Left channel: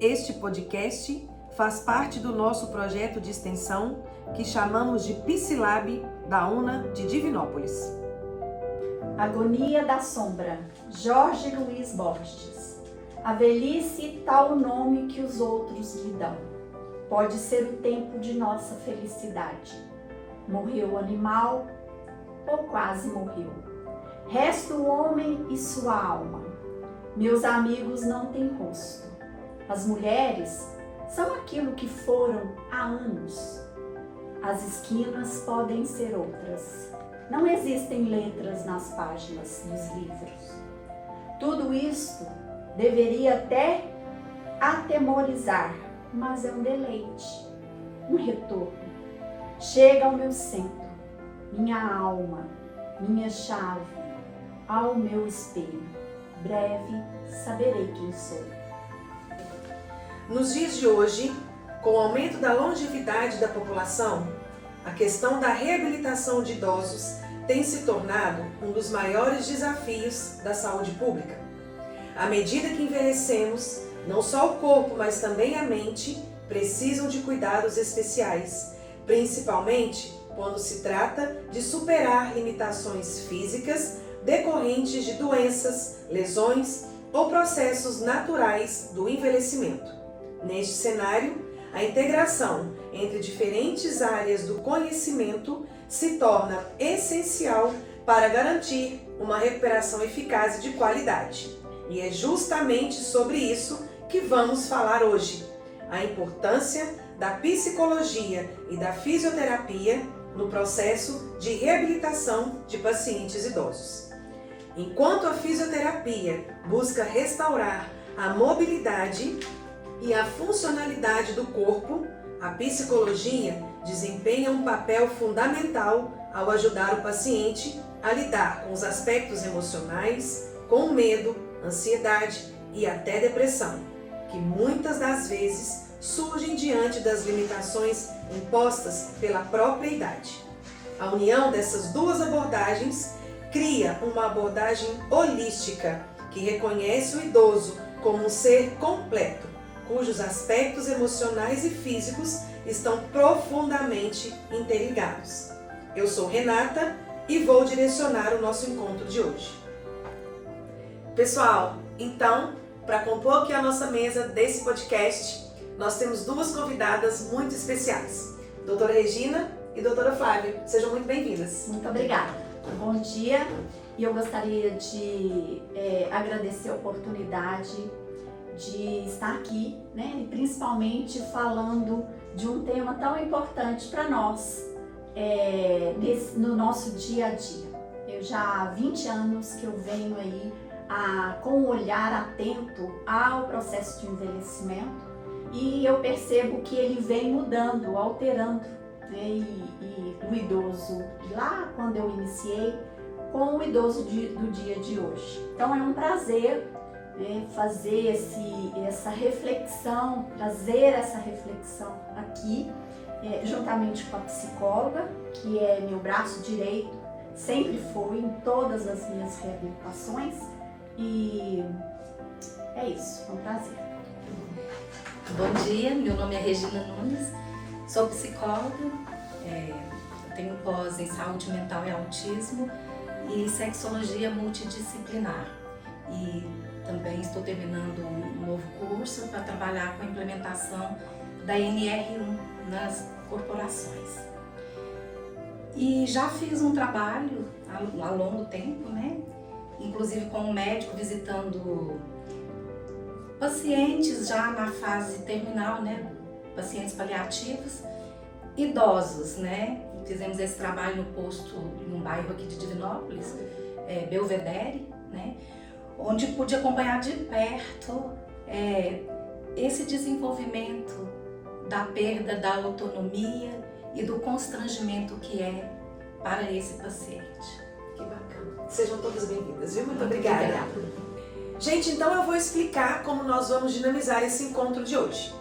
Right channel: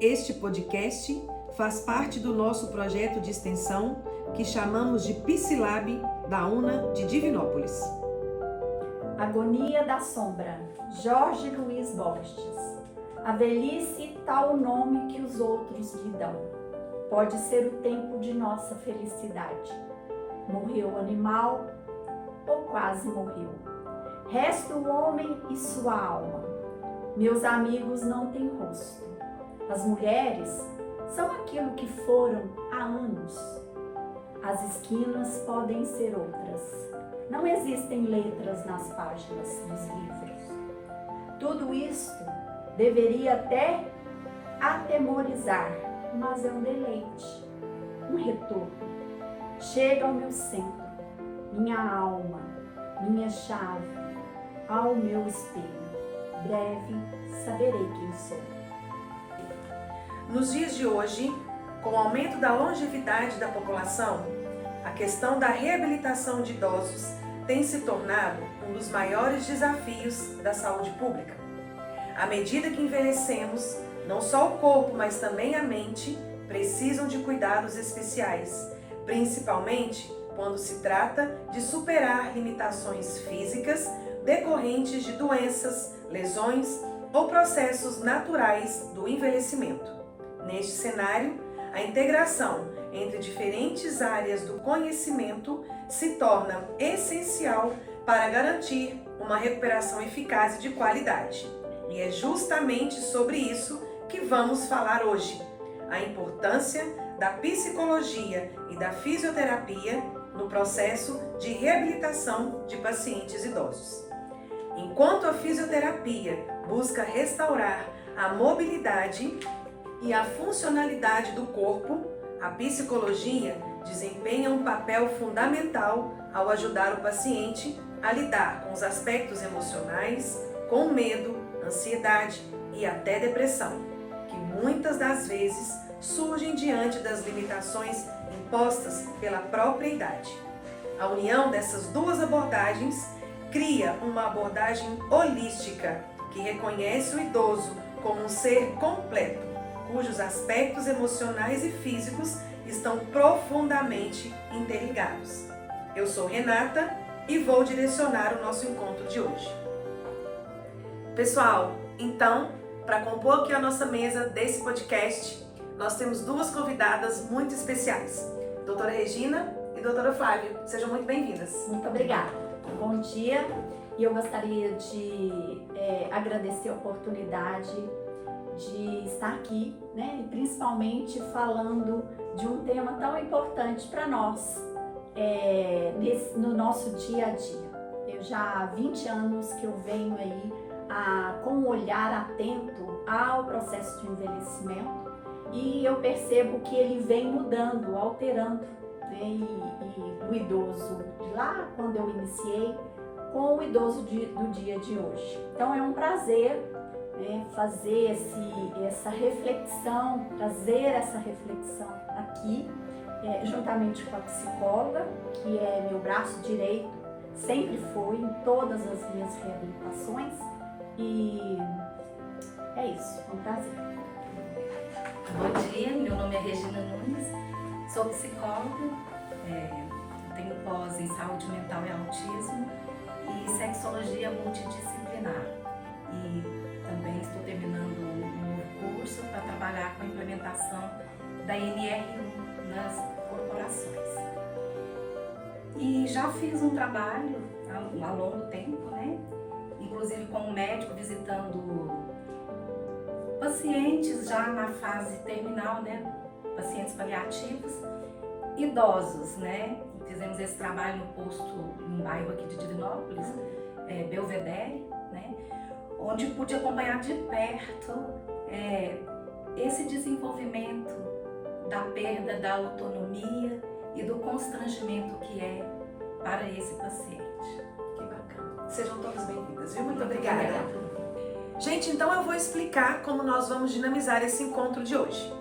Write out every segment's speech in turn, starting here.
Este podcast faz parte do nosso projeto de extensão que chamamos de Psilab da UNA de Divinópolis. Agonia da Sombra, Jorge Luiz Borges. A velhice tal o nome que os outros lhe dão. Pode ser o tempo de nossa felicidade. Morreu o animal ou quase morreu. Resta o homem e sua alma. Meus amigos não têm rosto. As mulheres são aquilo que foram há anos. As esquinas podem ser outras. Não existem letras nas páginas dos livros. Tudo isto deveria até atemorizar, mas é um deleite, um retorno. Chega ao meu centro, minha alma, minha chave, ao meu espelho. Breve saberei quem sou. Nos dias de hoje, com o aumento da longevidade da população, a questão da reabilitação de idosos tem se tornado um dos maiores desafios da saúde pública. À medida que envelhecemos, não só o corpo, mas também a mente precisam de cuidados especiais, principalmente quando se trata de superar limitações físicas decorrentes de doenças, lesões ou processos naturais do envelhecimento. Neste cenário, a integração entre diferentes áreas do conhecimento se torna essencial para garantir uma recuperação eficaz e de qualidade. E é justamente sobre isso que vamos falar hoje: a importância da psicologia e da fisioterapia no processo de reabilitação de pacientes idosos. Enquanto a fisioterapia busca restaurar a mobilidade e a funcionalidade do corpo, a psicologia desempenha um papel fundamental ao ajudar o paciente a lidar com os aspectos emocionais, com medo, ansiedade e até depressão, que muitas das vezes surgem diante das limitações impostas pela própria idade. A união dessas duas abordagens cria uma abordagem holística que reconhece o idoso como um ser completo, cujos aspectos emocionais e físicos estão profundamente interligados. Eu sou Renata e vou direcionar o nosso encontro de hoje. Pessoal, então, para compor aqui a nossa mesa desse podcast, nós temos duas convidadas muito especiais, doutora Regina e doutora Flávia. Sejam muito bem-vindas. Muito obrigada. Bom dia. E eu gostaria de agradecer a oportunidade de estar aqui, né? Principalmente falando de um tema tão importante para nós, no nosso dia a dia. Eu já há 20 anos que eu venho aí com um olhar atento ao processo de envelhecimento e eu percebo que ele vem mudando, alterando, né? E do idoso de lá, quando eu iniciei, com o idoso do dia de hoje. Então é um prazer fazer essa reflexão, trazer essa reflexão aqui, juntamente com a psicóloga, que é meu braço direito, sempre foi em todas as minhas reabilitações, e é isso, é um prazer. Bom dia, meu nome é Regina Nunes, sou psicóloga, tenho pós em saúde mental e autismo e sexologia multidisciplinar. E também estou terminando um novo curso para trabalhar com a implementação da NR1 nas corporações. E já fiz um trabalho há longo tempo, né? Inclusive com um médico visitando pacientes já na fase terminal, né? Pacientes paliativos, idosos, né? Fizemos esse trabalho no posto, num bairro aqui de Divinópolis, Belvedere, né? Onde pude acompanhar de perto esse desenvolvimento da perda da autonomia e do constrangimento que é para esse paciente. Que bacana. Sejam todas bem-vindas, viu? Muito obrigada. Gente, então eu vou explicar como nós vamos dinamizar esse encontro de hoje.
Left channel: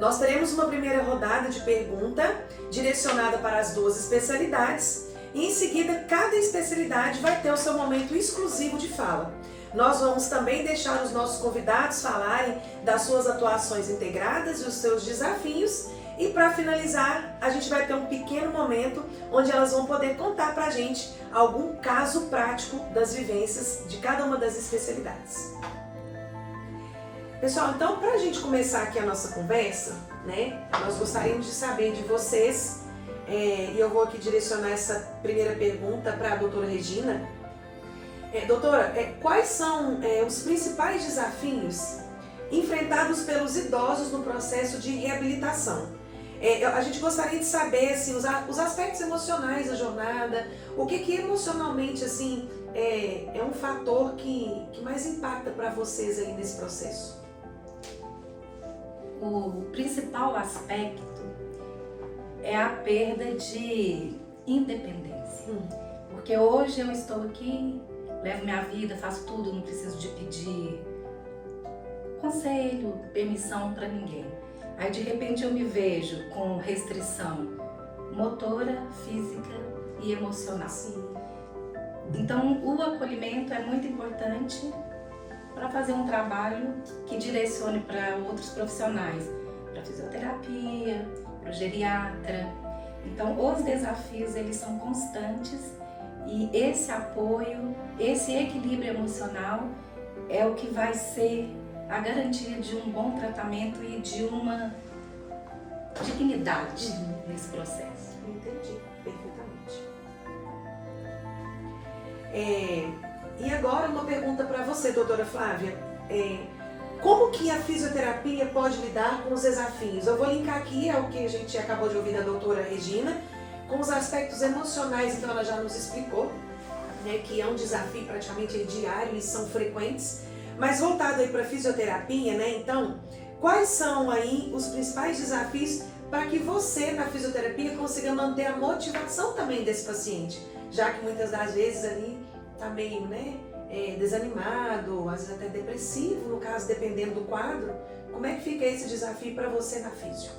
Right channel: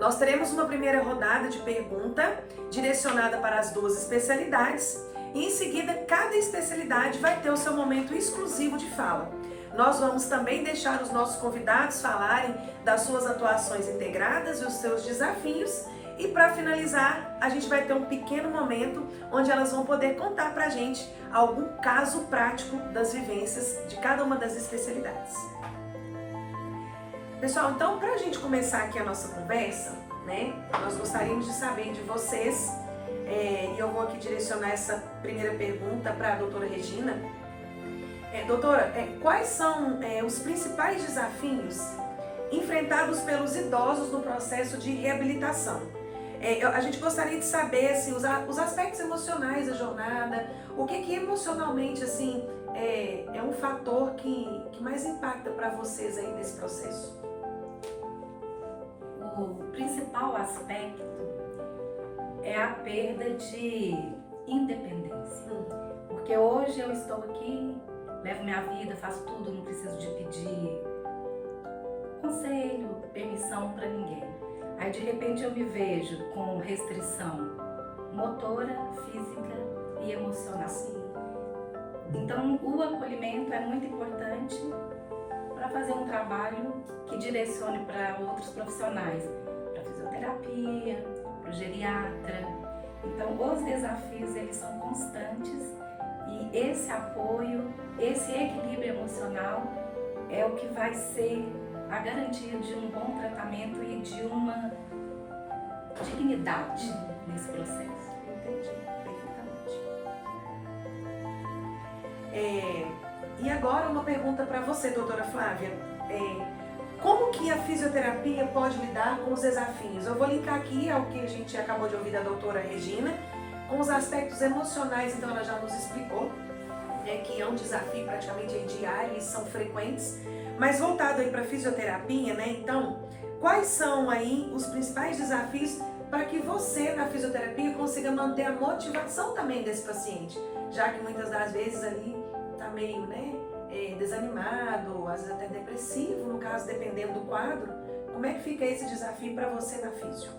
Nós teremos uma primeira rodada de pergunta direcionada para as duas especialidades e em seguida cada especialidade vai ter o seu momento exclusivo de fala, Nós vamos também deixar os nossos convidados falarem das suas atuações integradas e os seus desafios. E para finalizar, a gente vai ter um pequeno momento onde elas vão poder contar para a gente algum caso prático das vivências de cada uma das especialidades. Pessoal, então para a gente começar aqui a nossa conversa, né, nós gostaríamos de saber de vocês, e eu vou aqui direcionar essa primeira pergunta para a doutora Regina. Doutora, quais são os principais desafios enfrentados pelos idosos no processo de reabilitação? A gente gostaria de saber assim, os aspectos emocionais da jornada, o que emocionalmente assim, é um fator que mais impacta para vocês aí nesse processo? O principal aspecto é a perda de independência. Porque hoje eu estou aqui, levo minha vida, faço tudo, não preciso de pedir conselho, permissão para ninguém. Aí de repente eu me vejo com restrição motora, física e emocional. Então o acolhimento é muito importante para fazer um trabalho que direcione para outros profissionais, para fisioterapia, para o geriatra. Então os desafios eles são constantes e esse apoio, esse equilíbrio emocional é o que vai ser a garantia de um bom tratamento e de uma dignidade nesse processo. Entendi, perfeitamente. E agora uma pergunta para você, doutora Flávia. Como que a fisioterapia pode lidar com os desafios? Eu vou linkar aqui ao que a gente acabou de ouvir da doutora Regina, com os aspectos emocionais, então ela já nos explicou, né, que é um desafio praticamente diário e são frequentes. Mas voltado aí para a fisioterapia, né? Então, quais são aí os principais desafios para que você, na fisioterapia, consiga manter a motivação também desse paciente? Já que muitas das vezes ali está meio, né, desanimado, às vezes até depressivo, no caso, dependendo do quadro. Como é que fica esse desafio para você na fisio?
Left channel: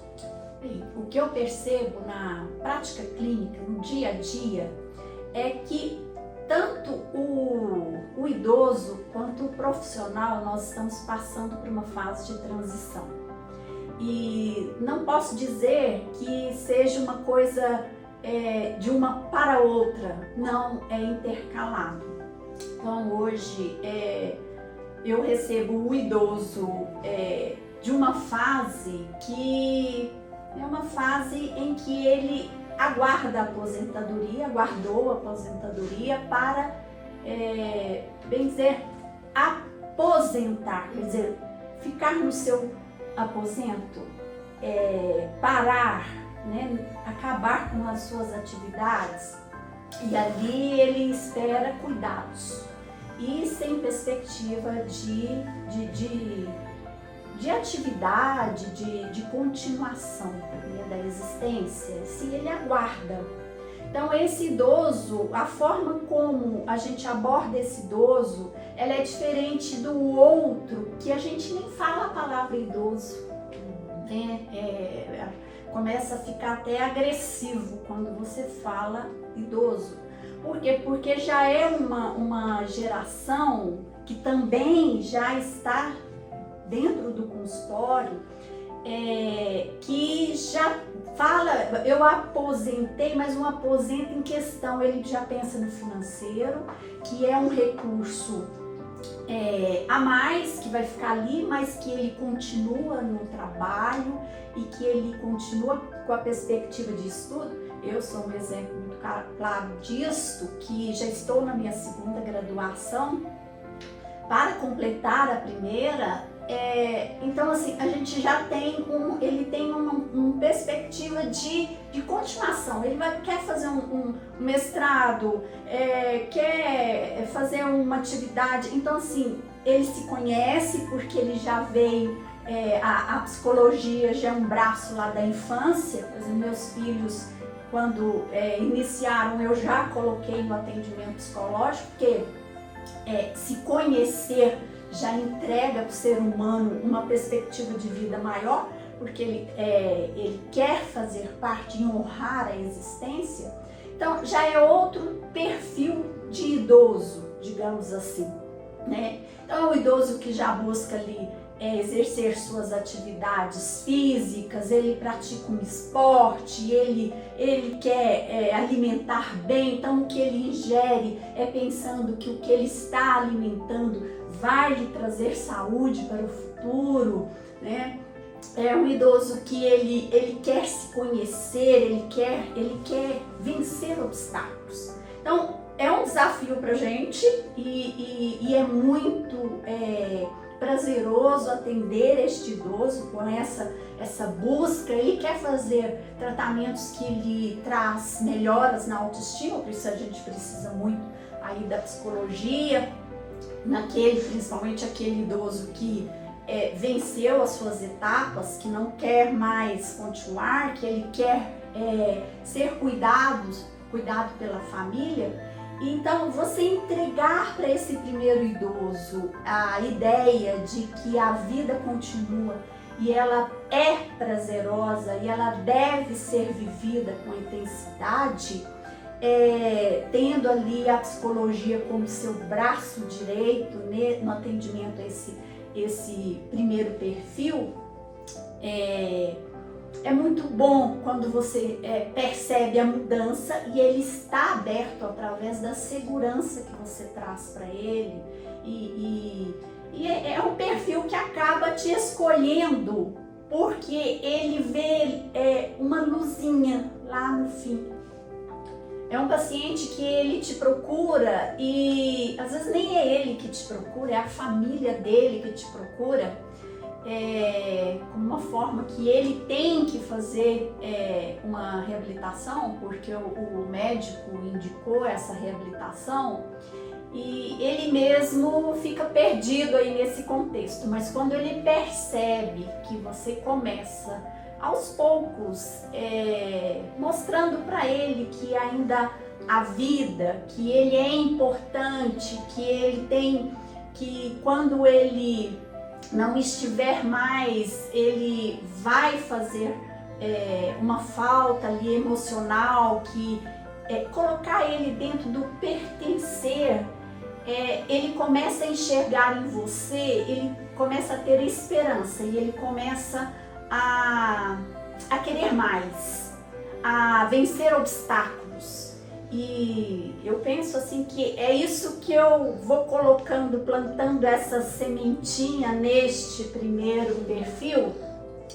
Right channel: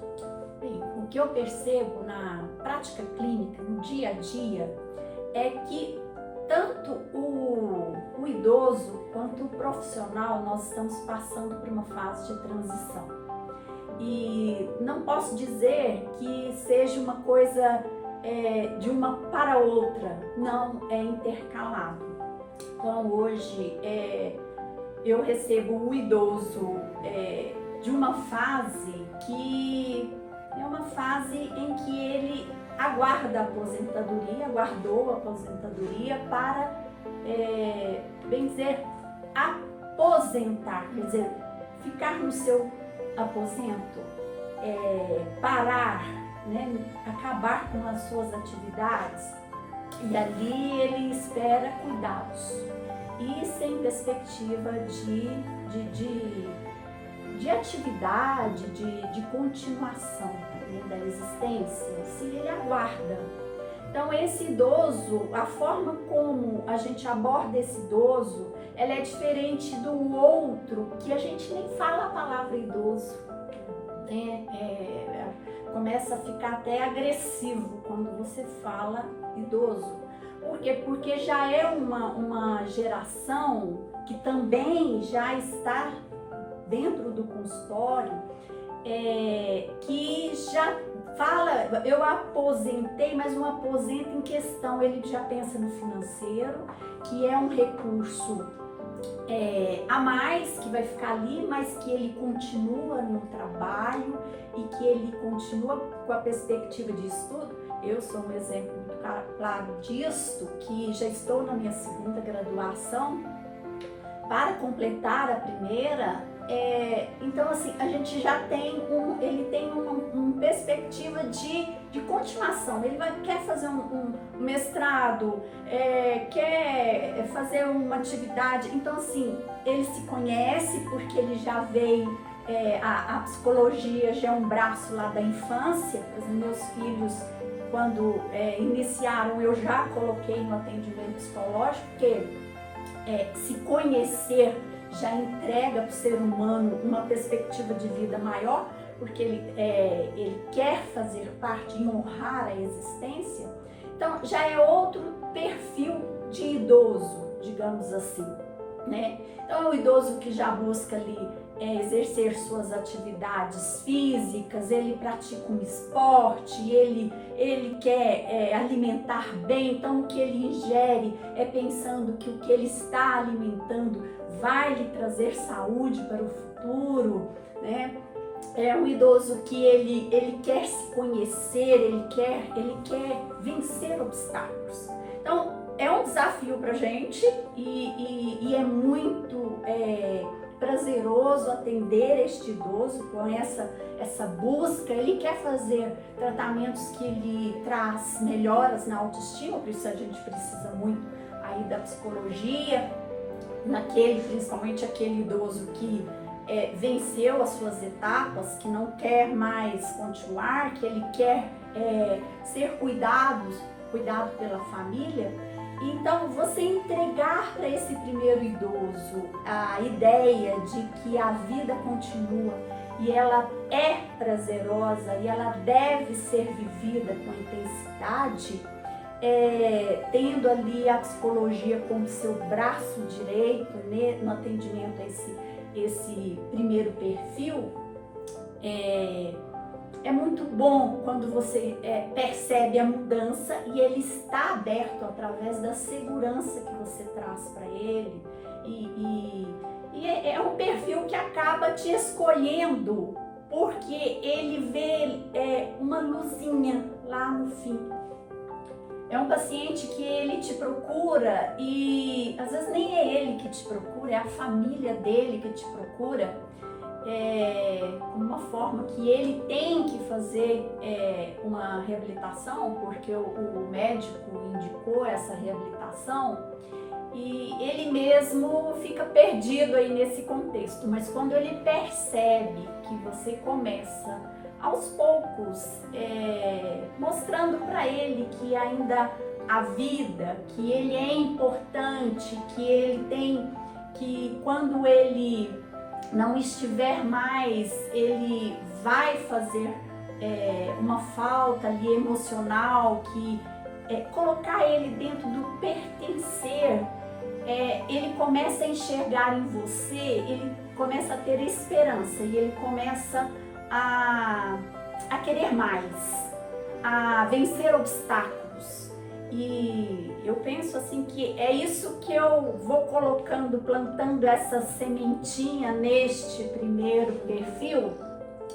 Bem, o que eu percebo na prática clínica, no dia a dia, é que tanto o idoso quanto o profissional, nós estamos passando por uma fase de transição. E não posso dizer que seja uma coisa de uma para outra, não, é intercalado. Então hoje eu recebo o idoso de uma fase que é uma fase em que ele aguarda a aposentadoria, aguardou a aposentadoria para, bem dizer, aposentar, quer dizer, ficar no seu aposento, parar, né, acabar com as suas atividades, e ali ele espera cuidados e sem perspectiva de atividade, de continuação, né, da existência, se ele aguarda. Então esse idoso, a forma como a gente aborda esse idoso, ela é diferente do outro, que a gente nem fala a palavra idoso, né? Começa a ficar até agressivo quando você fala idoso. Por quê? Porque já é uma geração que também já está dentro do consultório, que já fala, eu aposentei, mas um aposento em questão, ele já pensa no financeiro, que é um recurso a mais, que vai ficar ali, mas que ele continua no trabalho e que ele continua com a perspectiva de estudo. Eu sou um exemplo muito claro disto, que já estou na minha segunda graduação, para completar a primeira. Então assim, a gente já tem ele tem uma perspectiva de continuação, ele quer fazer um mestrado, quer fazer uma atividade, então assim, ele se conhece porque ele já veio, a psicologia já é um braço lá da infância. Os meus filhos, quando iniciaram, eu já coloquei no atendimento psicológico, porque se conhecer já entrega para o ser humano uma perspectiva de vida maior, porque ele quer fazer parte e honrar a existência. Então já é outro perfil de idoso, digamos assim, né? Então é um idoso que já busca ali exercer suas atividades físicas, ele pratica um esporte, ele quer alimentar bem, então o que ele ingere é pensando que o que ele está alimentando vai lhe trazer saúde para o futuro, né? É um idoso que ele quer se conhecer, ele quer vencer obstáculos. Então é um desafio para a gente e é muito prazeroso atender este idoso com essa busca. Ele quer fazer tratamentos que lhe traz melhoras na autoestima, por isso a gente precisa muito aí da psicologia, principalmente aquele idoso que venceu as suas etapas, que não quer mais continuar, que ele quer ser cuidado pela família. Então, você entregar para esse primeiro idoso a ideia de que a vida continua e ela é prazerosa e ela deve ser vivida com intensidade, tendo ali a psicologia como seu braço direito no atendimento a esse primeiro perfil, é muito bom quando você percebe a mudança e ele está aberto através da segurança que você traz para ele. E é um perfil que acaba te escolhendo porque ele vê uma luzinha lá no fim. É um paciente que ele te procura e às vezes nem é ele que te procura, é a família dele que te procura. Como uma forma que ele tem que fazer uma reabilitação, porque o médico indicou essa reabilitação e ele mesmo fica perdido aí nesse contexto, mas quando ele percebe que você começa aos poucos mostrando para ele que ainda há vida, que ele é importante, que ele tem, que quando ele não estiver mais, ele vai fazer uma falta ali emocional, que colocar ele dentro do pertencer, ele começa a enxergar em você, ele começa a ter esperança e ele começa a querer mais, a vencer obstáculos. E eu penso assim que é isso que eu vou colocando, plantando essa sementinha neste primeiro perfil,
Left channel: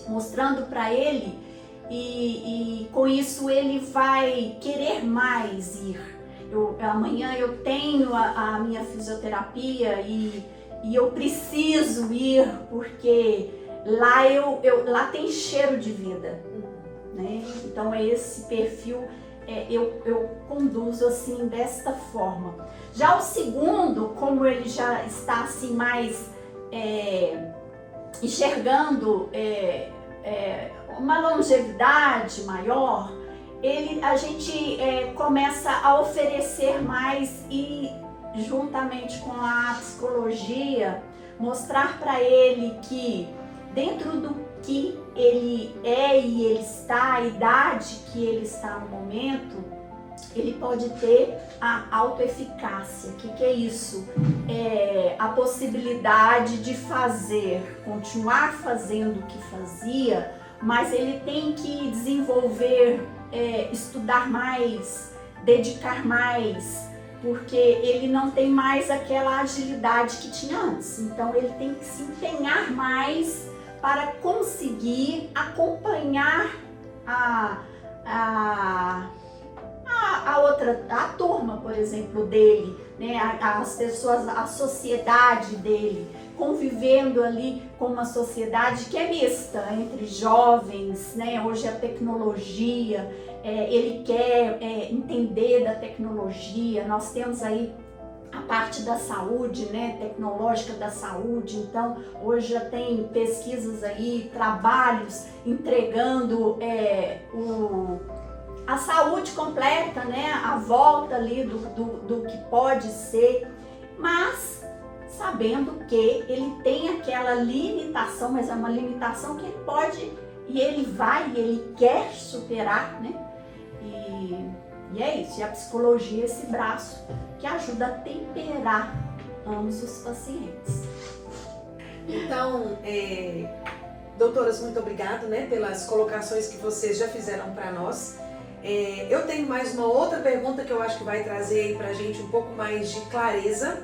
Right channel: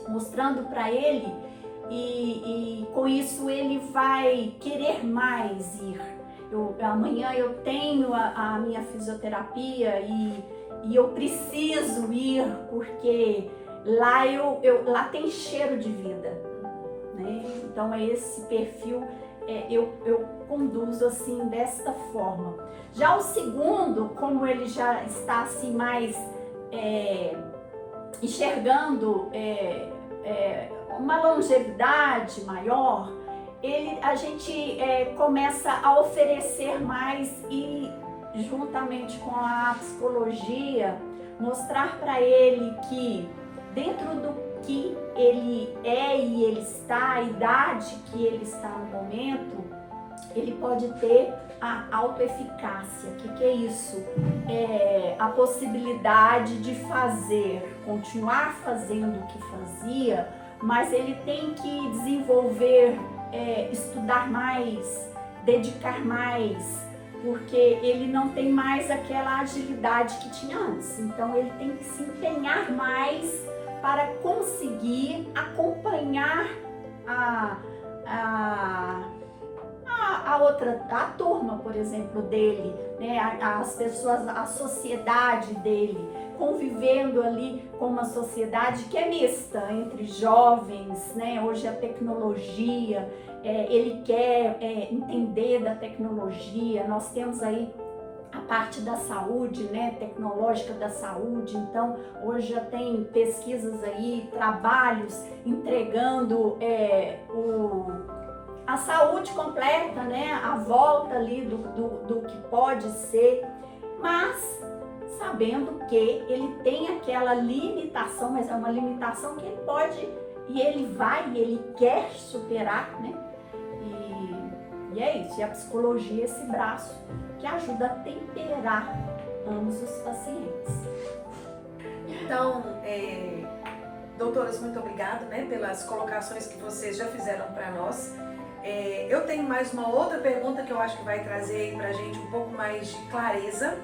mostrando para ele e com isso ele vai querer mais ir. Amanhã eu tenho a minha fisioterapia e eu preciso ir porque lá tem cheiro de vida, né? Então é esse perfil. Eu conduzo assim desta forma. Já o segundo, como ele já está assim mais enxergando uma longevidade maior, a gente começa a oferecer mais e juntamente com a psicologia mostrar para ele que dentro do que ele é e ele está, a idade que ele está no momento, ele pode ter a autoeficácia. O que é isso? A possibilidade de continuar fazendo o que fazia, mas ele tem que desenvolver, estudar mais, dedicar mais, porque ele não tem mais aquela agilidade que tinha antes. Então ele tem que se empenhar mais para conseguir acompanhar a turma, por exemplo, dele, né? As pessoas, a sociedade dele, convivendo ali com uma sociedade que é mista, entre jovens, né? Hoje a tecnologia, ele quer entender da tecnologia, nós temos aí a parte da saúde, né, tecnológica da saúde. Então hoje já tem pesquisas aí, trabalhos entregando a saúde completa, né, a volta ali do que pode ser, mas sabendo que ele tem aquela limitação, mas é uma limitação que ele pode e ele quer superar, né? E é isso, e a psicologia é esse braço que ajuda a temperar ambos os pacientes. Então, doutoras, muito obrigada, né, pelas colocações que vocês já fizeram para nós. Eu tenho mais uma outra pergunta que eu acho que vai trazer aí para a gente um pouco mais de clareza.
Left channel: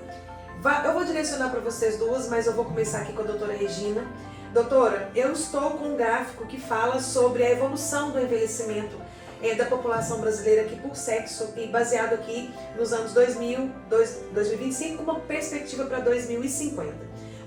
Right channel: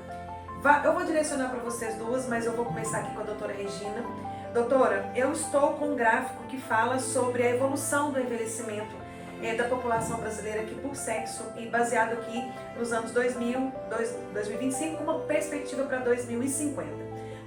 Eu vou direcionar para vocês duas, mas eu vou começar aqui com a doutora Regina. Doutora, eu estou com um gráfico que fala sobre a evolução do envelhecimento da população brasileira aqui por sexo, e baseado aqui nos anos 2025, com uma perspectiva para 2050.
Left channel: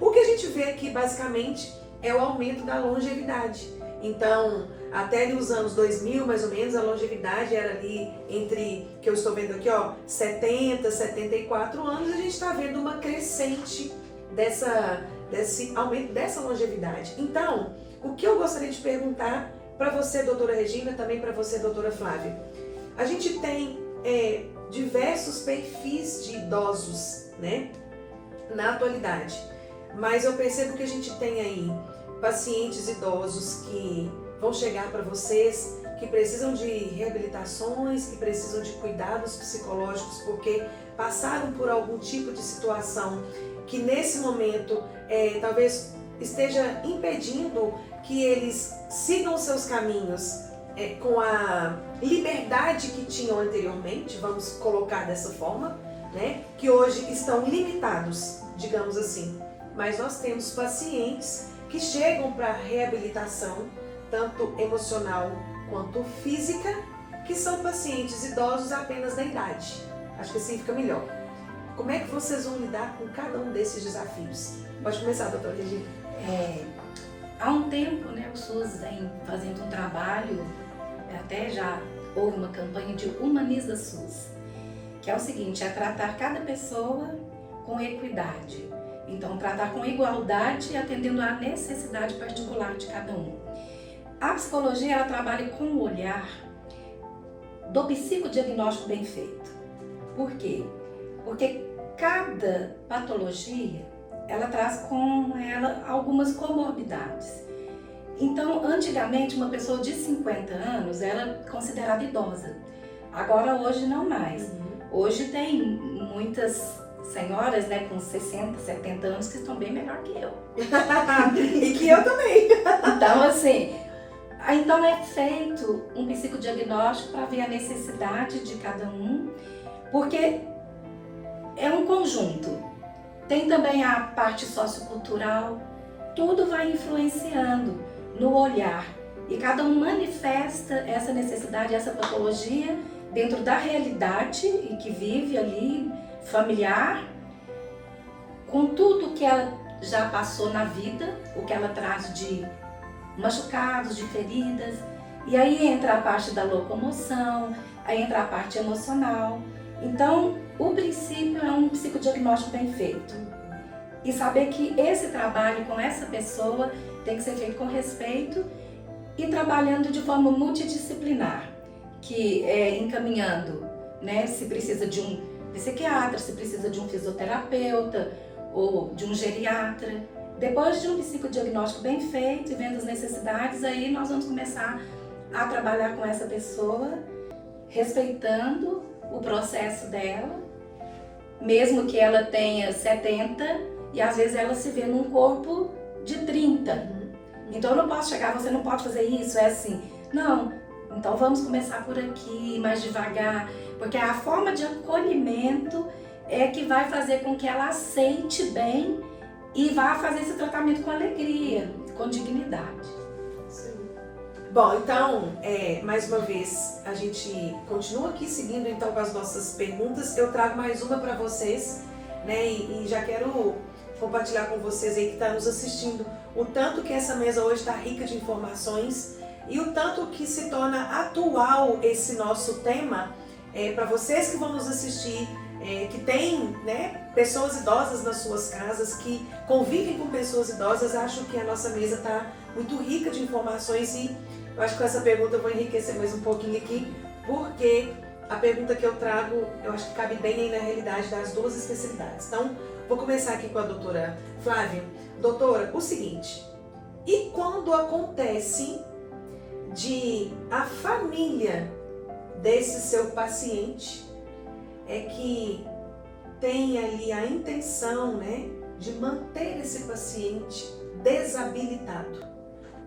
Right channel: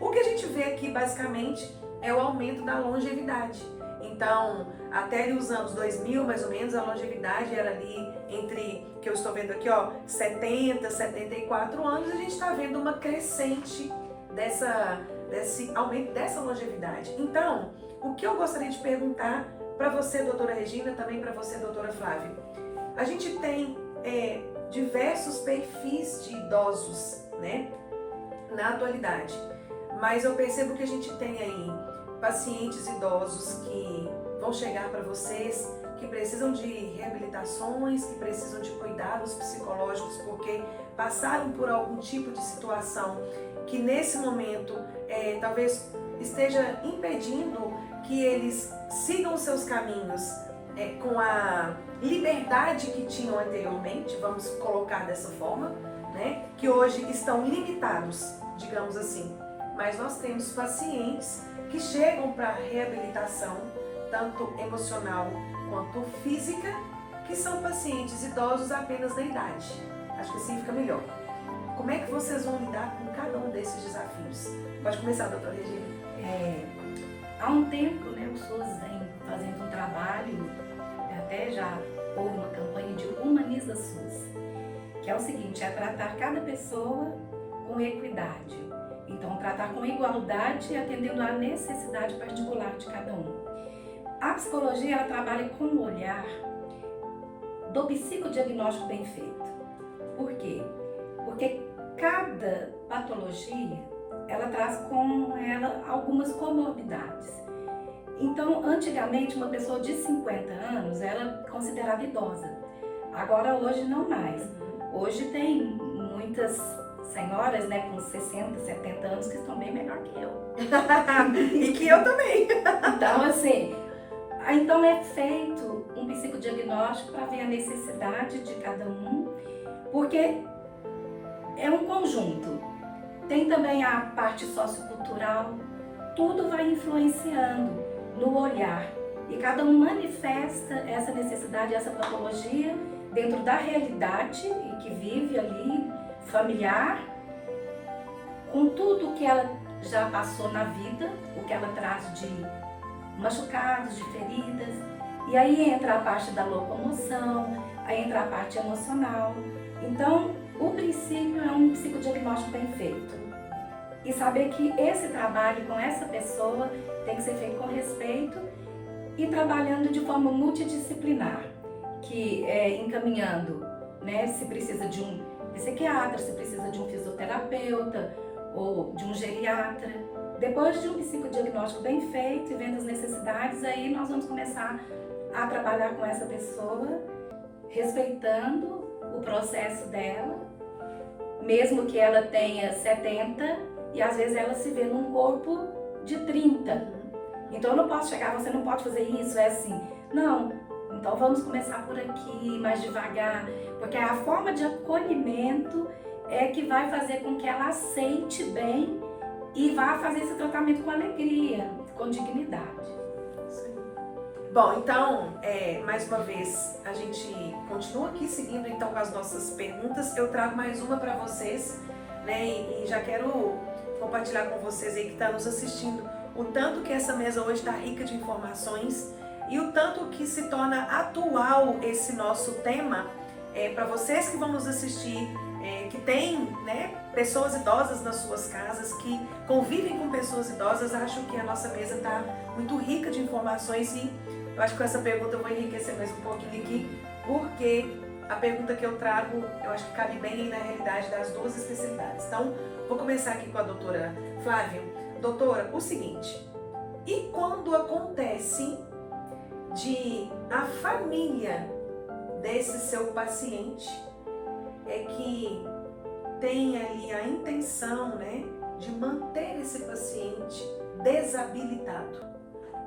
O que a gente vê aqui basicamente é o aumento da longevidade. Então, até ali os anos 2000, mais ou menos, a longevidade era ali entre, que eu estou vendo aqui, 70, 74 anos, e a gente está vendo uma crescente desse aumento dessa longevidade. Então, o que eu gostaria de perguntar para você, doutora Regina, também para você, doutora Flávia, a gente tem diversos perfis de idosos, né, na atualidade, mas eu percebo que a gente tem aí pacientes idosos que vão chegar para vocês, que precisam de reabilitações, que precisam de cuidados psicológicos, porque passaram por algum tipo de situação que nesse momento talvez esteja impedindo que eles sigam seus caminhos com a liberdade que tinham anteriormente, vamos colocar dessa forma, né? Que hoje estão limitados, digamos assim. Mas nós temos pacientes que chegam para reabilitação, tanto emocional quanto física, que são pacientes idosos apenas da idade. Acho que assim fica melhor. Como é que vocês vão lidar com cada um desses desafios? Pode começar, doutora Regina. Há um tempo, né, o SUS vem fazendo um trabalho, até já houve uma campanha de Humaniza SUS, que é o seguinte, é tratar cada pessoa com equidade. Então, tratar com igualdade, atendendo à necessidade particular de cada um. A psicologia, ela trabalha com o olhar do psicodiagnóstico bem feito. Por quê? Porque cada patologia, ela traz com ela algumas comorbidades. Então, antigamente, uma pessoa de 50 anos era considerada idosa. Agora, hoje, não mais. Hoje tem muitas senhoras, né, com 60, 70 anos que estão bem melhor que eu. E que eu também. Então, assim, então é feito um psicodiagnóstico para ver a necessidade de cada um, porque é um conjunto. Tem também a parte sociocultural, tudo vai influenciando no olhar. E cada um manifesta essa necessidade, essa patologia dentro da realidade em que vive ali, familiar, com tudo que ela já passou na vida, o que ela traz de machucados, de feridas. E aí entra a parte da locomoção, aí entra a parte emocional. Então, o princípio é um psicodiagnóstico bem feito. E saber que esse trabalho com essa pessoa tem que ser feito com respeito e trabalhando de forma multidisciplinar, que é encaminhando, né, se precisa de um psiquiatra, se precisa de um fisioterapeuta ou de um geriatra. Depois de um psicodiagnóstico bem feito e vendo as necessidades, aí nós vamos começar a trabalhar com essa pessoa, respeitando o processo dela, mesmo que ela tenha 70 e às vezes ela se vê num corpo de 30. Então eu não posso chegar, você não pode fazer isso, é assim. Não, então vamos começar por aqui, mais devagar, porque a forma de acolhimento é que vai fazer com que ela aceite bem e vá fazer esse tratamento com alegria, com dignidade. Sim. Bom, então, mais uma vez, a gente continua aqui seguindo então com as nossas perguntas. Eu trago mais uma para vocês, né? E já quero compartilhar com vocês aí que estão nos assistindo o tanto que essa mesa hoje está rica de informações e o tanto que se torna atual esse nosso tema para vocês que vão nos assistir, que tem, né, pessoas idosas nas suas casas, que convivem com pessoas idosas. Acho que a nossa mesa está muito rica de informações e eu acho que com essa pergunta eu vou enriquecer mais um pouquinho aqui, porque a pergunta que eu trago, eu acho que cabe bem aí na realidade das duas especialidades. Então, vou começar aqui com a doutora Flávia. Doutora, o seguinte, e quando acontece de a família desse seu paciente que tem ali a intenção, né, de manter esse paciente desabilitado.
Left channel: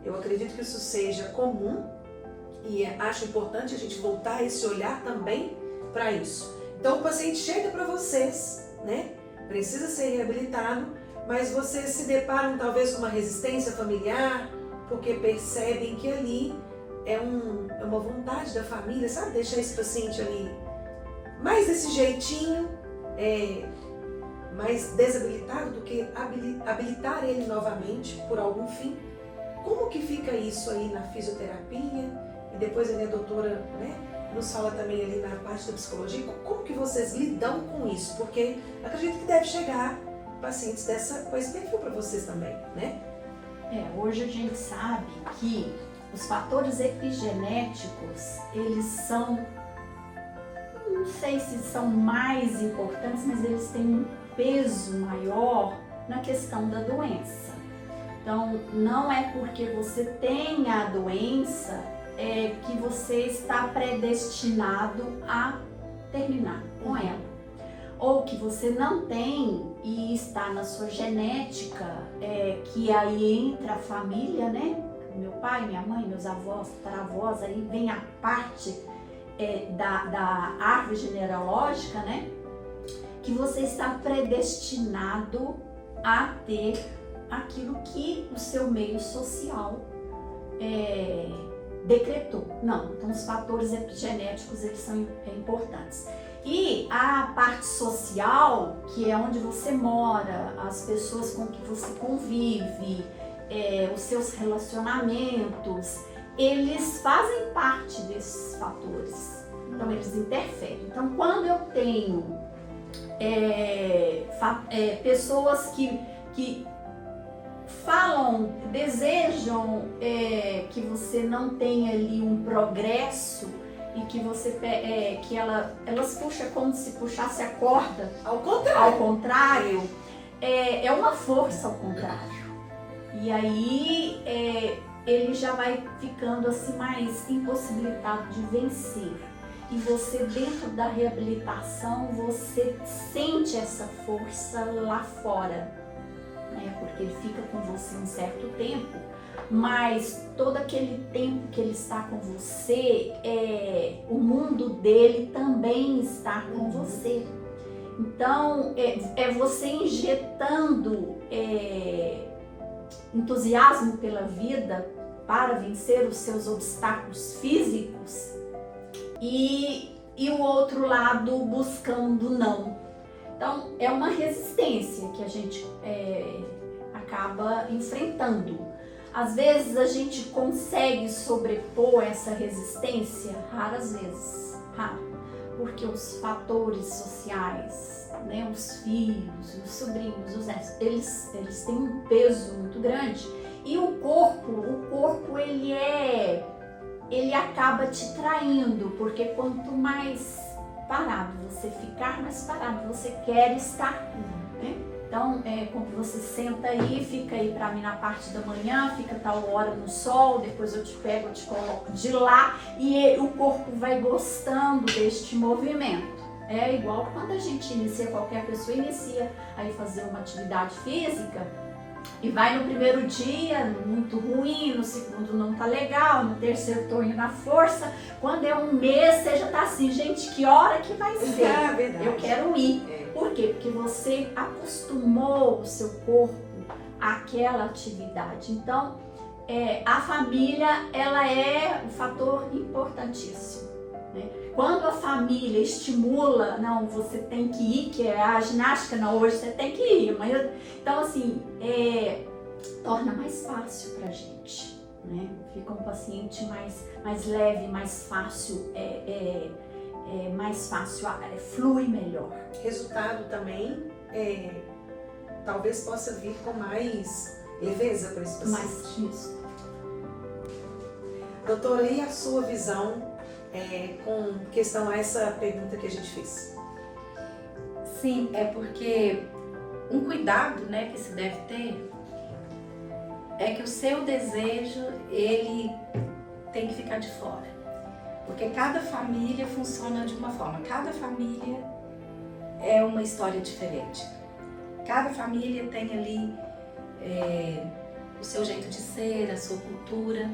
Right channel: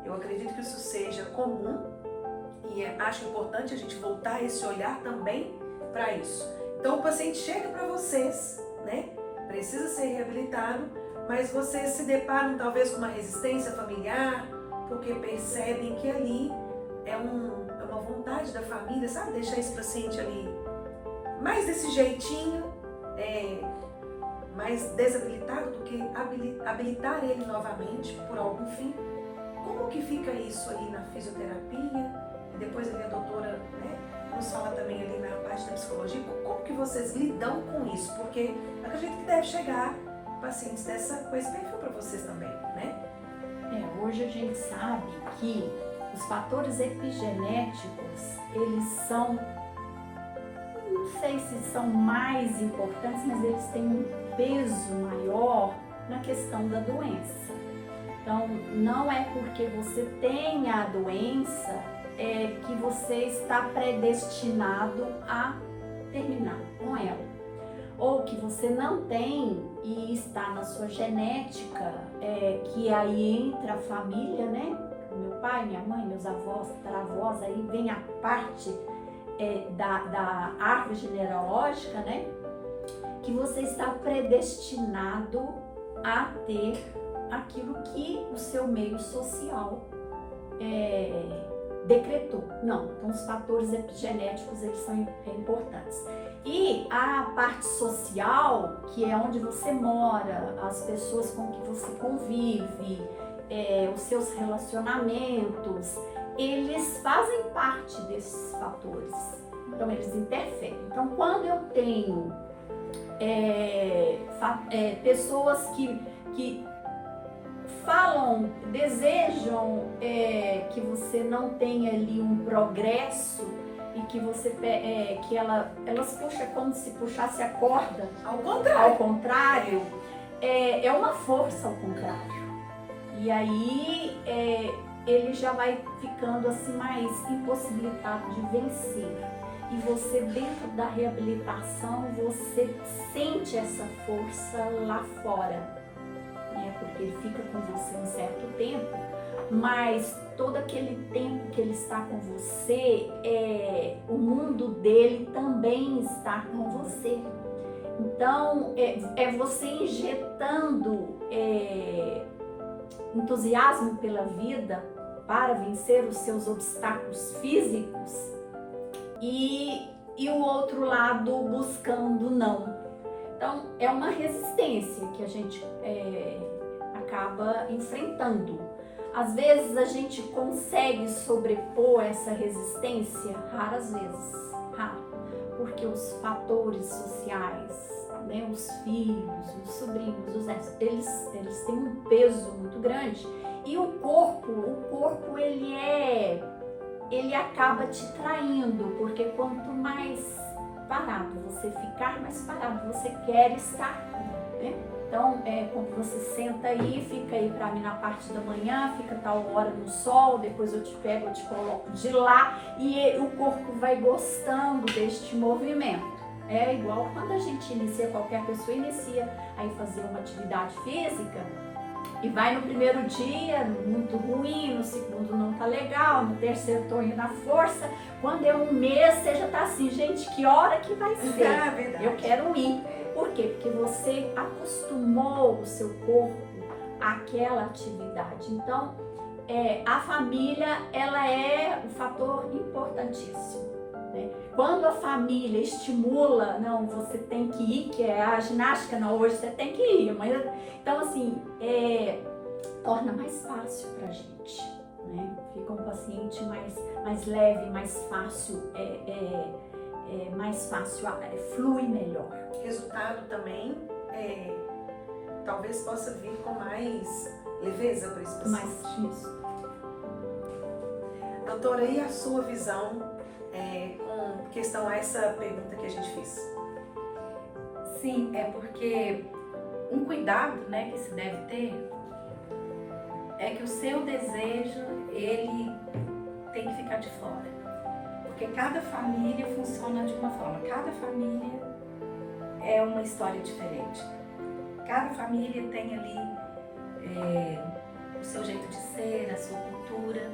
Eu acredito que isso seja comum e acho importante a gente voltar esse olhar também para isso. Então o paciente chega para vocês, né, precisa ser reabilitado, mas vocês se deparam talvez com uma resistência familiar, porque percebem que ali é uma vontade da família, sabe, deixar esse paciente ali mais desse jeitinho, mais desabilitado do que habilitar ele novamente por algum fim. Como que fica isso aí na fisioterapia? E depois ali a doutora, né, nos fala também ali na parte da psicologia. Como que vocês lidam com isso? Porque acredito que deve chegar pacientes com esse perfil para vocês também, né? Hoje a gente sabe que os fatores epigenéticos, eles são, não sei se são mais importantes, mas eles têm um peso maior na questão da doença. Então, não é porque você tem a doença que você está predestinado a terminar com ela. Ou que você não tem e está na sua genética, que aí entra a família, né? Meu pai, minha mãe, meus avós, tataravós, aí vem a parte da árvore genealógica, né? Que você está predestinado a ter aquilo que o seu meio social decretou. Não, então os fatores epigenéticos, eles são importantes. E a parte social, que é onde você mora, as pessoas com que você convive, os seus relacionamentos, eles fazem parte desses fatores. Então eles interferem. Então quando eu tenho pessoas que falam, desejam que você não tenha ali um progresso e que você elas puxam como se puxasse a corda ao contrário, é uma força ao contrário. E aí ele já vai ficando assim mais impossibilitado de vencer. E você, dentro da reabilitação, você sente essa força lá fora, né? Porque ele fica com você um certo tempo, mas todo aquele tempo que ele está com você, o mundo dele também está com você. Então, é você injetando entusiasmo pela vida para vencer os seus obstáculos físicos e o outro lado buscando não. Então, é uma resistência que a gente acaba enfrentando. Às vezes a gente consegue sobrepor essa resistência, raras vezes, porque os fatores sociais, né, os filhos, os sobrinhos, os netos, eles têm um peso muito grande. E o corpo ele acaba te traindo, porque quanto mais parado você ficar, mais parado você quer estar, né? Então, quando você senta aí, fica aí pra mim na parte da manhã, fica tal hora no sol, depois eu te pego, eu te coloco de lá, e o corpo vai gostando deste movimento. É igual quando a gente qualquer pessoa inicia aí fazer uma atividade física, e vai no primeiro dia muito ruim, no segundo não tá legal, no terceiro tô indo na força, quando é um mês você já tá assim, gente, que hora que vai ser? Eu quero ir. Por quê? Porque você acostumou o seu corpo àquela atividade. Então, a família, ela é um fator importantíssimo, né? Quando a família estimula, não, você tem que ir, que é a ginástica, não, hoje você tem que ir, amanhã. Então, assim, torna mais fácil pra gente, né? Fica um paciente mais leve, mais fácil, mais fácil, flui melhor. Resultado também, talvez possa vir com mais leveza para esse paciente. Mais isso. Doutora, e a sua visão com questão a essa pergunta que a gente fez? Sim, porque um cuidado, né, que se deve ter é que o seu desejo, ele tem que ficar de fora. Porque cada família funciona de uma forma. Cada família é uma história diferente. Cada família tem ali o seu jeito de ser, a sua cultura.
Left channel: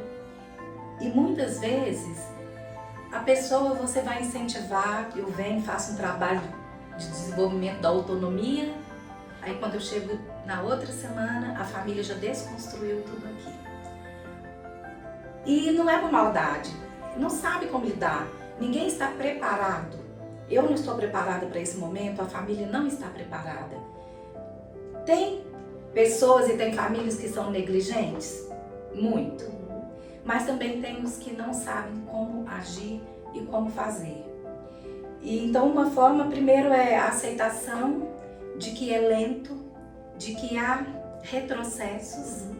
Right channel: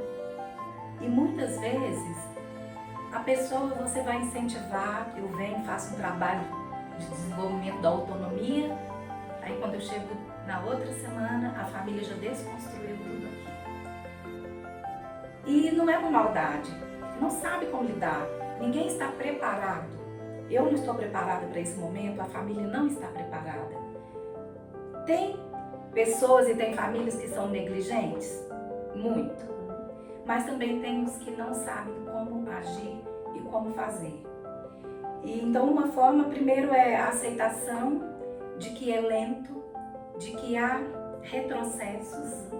E muitas vezes a pessoa você vai incentivar, eu venho, faço um trabalho de desenvolvimento da autonomia, aí quando eu chego na outra semana, a família já desconstruiu tudo aqui. E não é por maldade, não sabe como lidar, ninguém está preparado. Eu não estou preparada para esse momento, a família não está preparada. Tem pessoas e tem famílias que são negligentes? Muito. Mas também temos que não sabem como agir e como fazer. E então uma forma, primeiro, é a aceitação de que é lento, de que há retrocessos.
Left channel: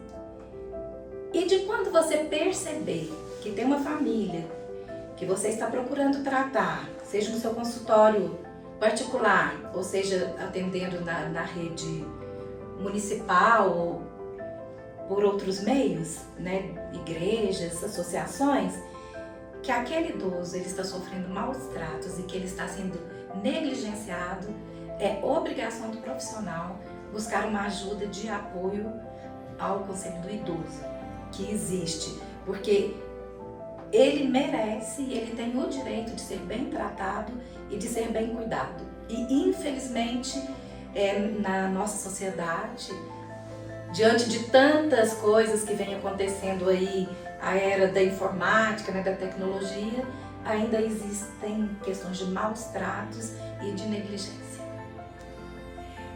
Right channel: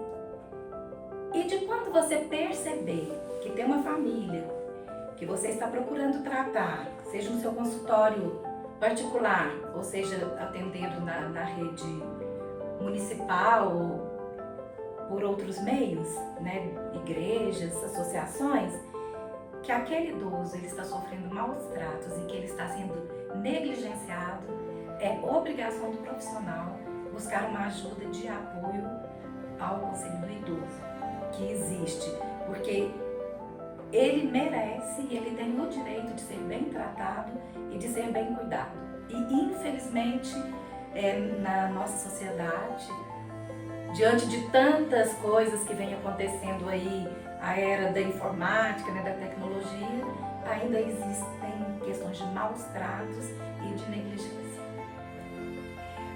E de quando você perceber que tem uma família que você está procurando tratar, seja no seu consultório particular, ou seja, atendendo na rede municipal ou por outros meios, né, igrejas, associações, que aquele idoso ele está sofrendo maus tratos e que ele está sendo negligenciado, é obrigação do profissional buscar uma ajuda de apoio ao Conselho do Idoso, que existe, porque ele merece, ele tem o direito de ser bem tratado e de ser bem cuidado. E infelizmente, na nossa sociedade, diante de tantas coisas que vem acontecendo aí, a era da informática, né, da tecnologia, ainda existem questões de maus tratos e de negligência.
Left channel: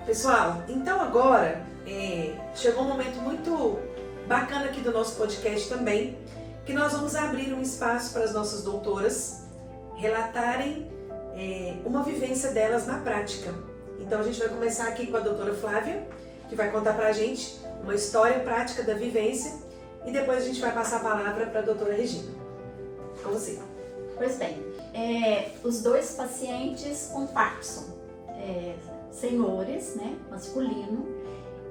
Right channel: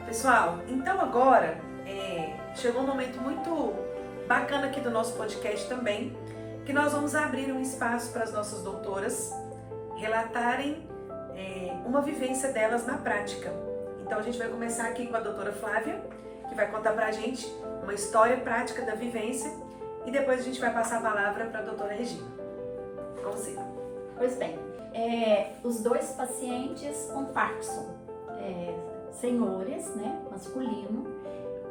Pessoal, então agora chegou um momento muito bacana aqui do nosso podcast também, que nós vamos abrir um espaço para as nossas doutoras relatarem uma vivência delas na prática. Então a gente vai começar aqui com a doutora Flávia, que vai contar pra gente uma história prática da vivência, e depois a gente vai passar a palavra para a doutora Regina. Vamos sim. Pois bem, os dois pacientes com Parkinson, senhores, né, masculino,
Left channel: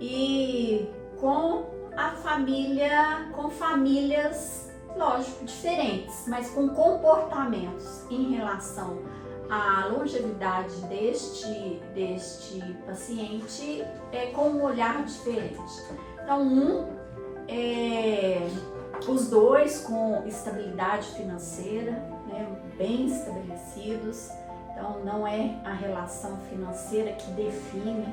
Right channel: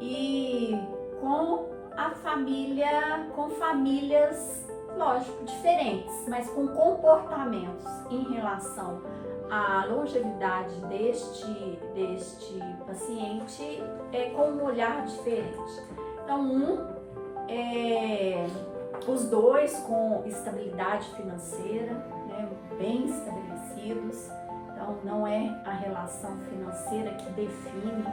e com a família, com famílias, lógico, diferentes, mas com comportamentos em relação à longevidade deste paciente com um olhar diferente. Então, os dois com estabilidade financeira, né, bem estabelecidos. Então, não é a relação financeira que define,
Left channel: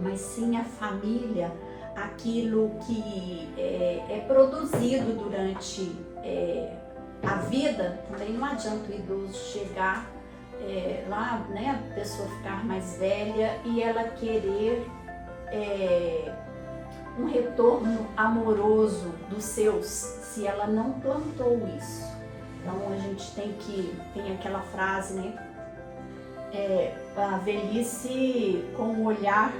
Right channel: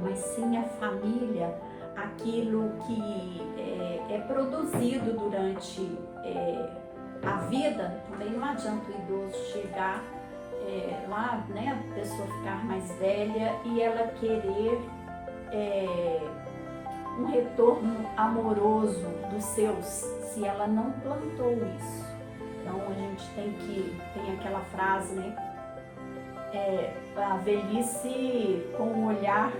mas sim a família, aquilo que é produzido durante a vida. Também não adianta o idoso chegar lá, né, a pessoa ficar mais velha e ela querer um retorno amoroso dos seus, se ela não plantou isso. Então a gente tem aquela frase, né, a velhice com um olhar,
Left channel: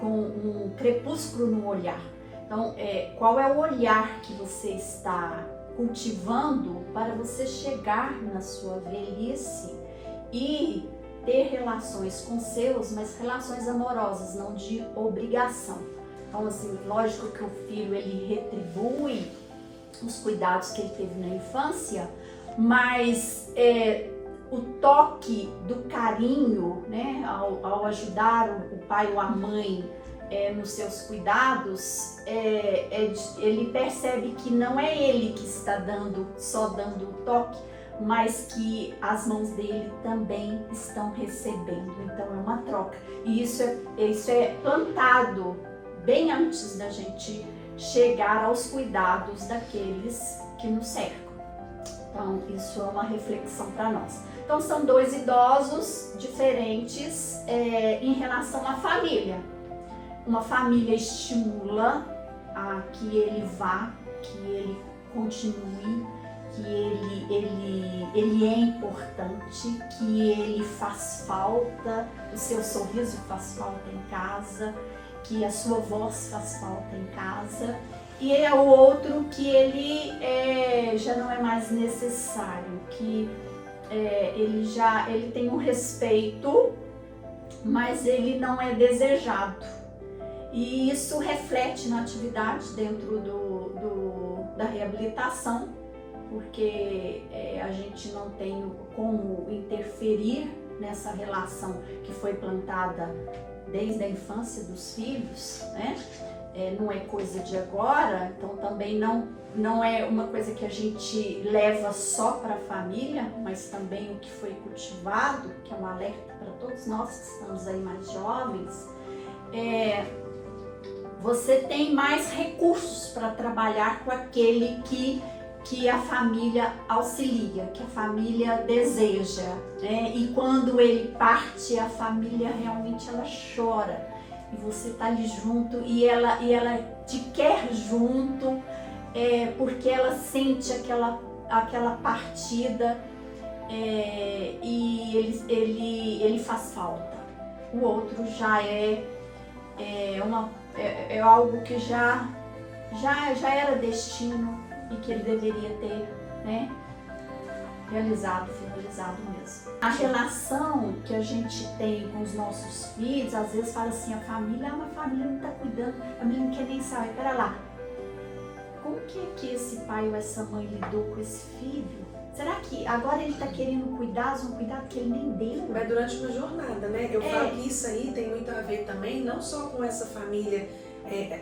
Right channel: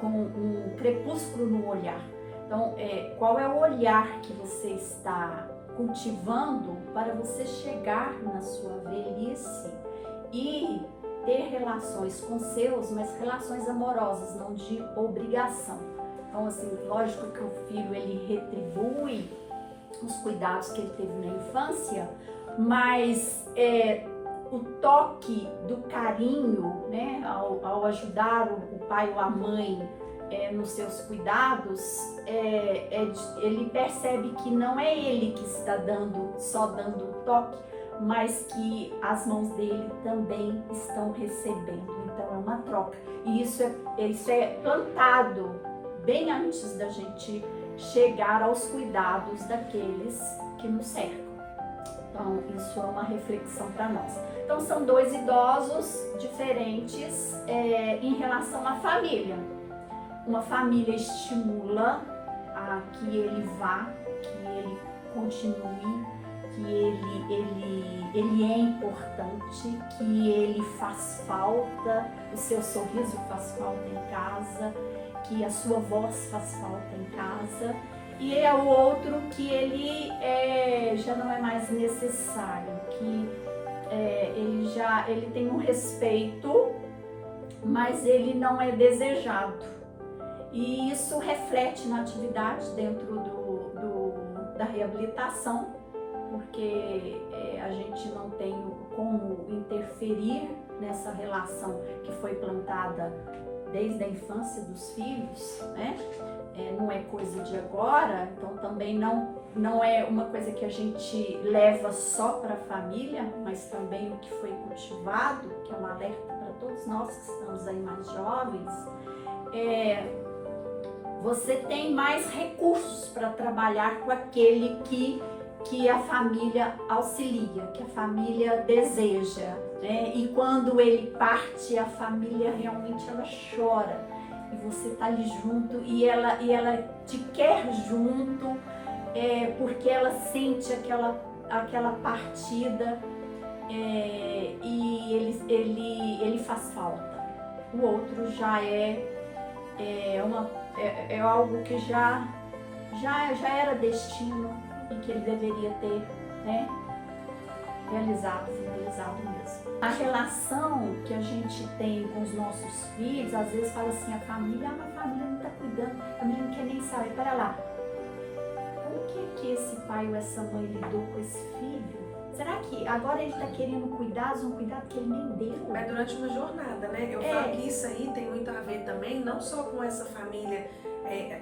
com um crepúsculo no olhar. Então qual é o olhar que você está cultivando para você chegar na sua velhice e ter relações com seus, mas relações amorosas, não de obrigação. Então, assim, lógico que o filho, ele retribui os cuidados que ele teve na infância, mas o toque do carinho, né, ao ajudar o pai ou a mãe nos seus cuidados, ele percebe que não é ele que está só dando o toque, mas que as mãos dele também estão recebendo. Então é uma troca. E isso é plantado bem antes da gente chegar aos cuidados daqueles que nos cercam. Então isso é uma reflexão para nós. Então são dois idosos diferentes em relação à família. Uma família estimula a que ele vá, que ele continue, que ele é importante, que ele faz falta, o seu sorriso faz falta em casa, que a sua voz faz falta em casa, e é o outro que ele já não é mais necessário, que ele tem um respeito, mas ele não é desejado. E isso reflete na atividade dentro da reabilitação, porque a gente não tem como interferir nessa relação que foi plantada desde a infância dos filhos, né? Não é coisa de agora, então também não é uma coisa que a gente leva só para a família, mas também o que foi cultivado, que é um alerta para todos nós que estamos aí mais jovens. Você tem mais recursos para trabalhar com aquele que a família auxilia, que a família deseja, né? E quando ele parte, a família realmente ela chora. E você tá ali junto e ela te quer junto, porque ela sente aquela partida, e ele faz falta. O outro já é algo que já era destino e que ele deveria ter, né, finalizado mesmo. A relação que a gente tem com os nossos filhos, às vezes fala assim, a família não está cuidando, a família não quer nem saber. Pera lá, como que esse pai ou essa mãe lidou com esse filho? Será que agora ele está querendo cuidar de um cuidado que ele nem deu? É durante uma jornada, né? Eu falo que isso aí tem muito a ver também, não só com essa família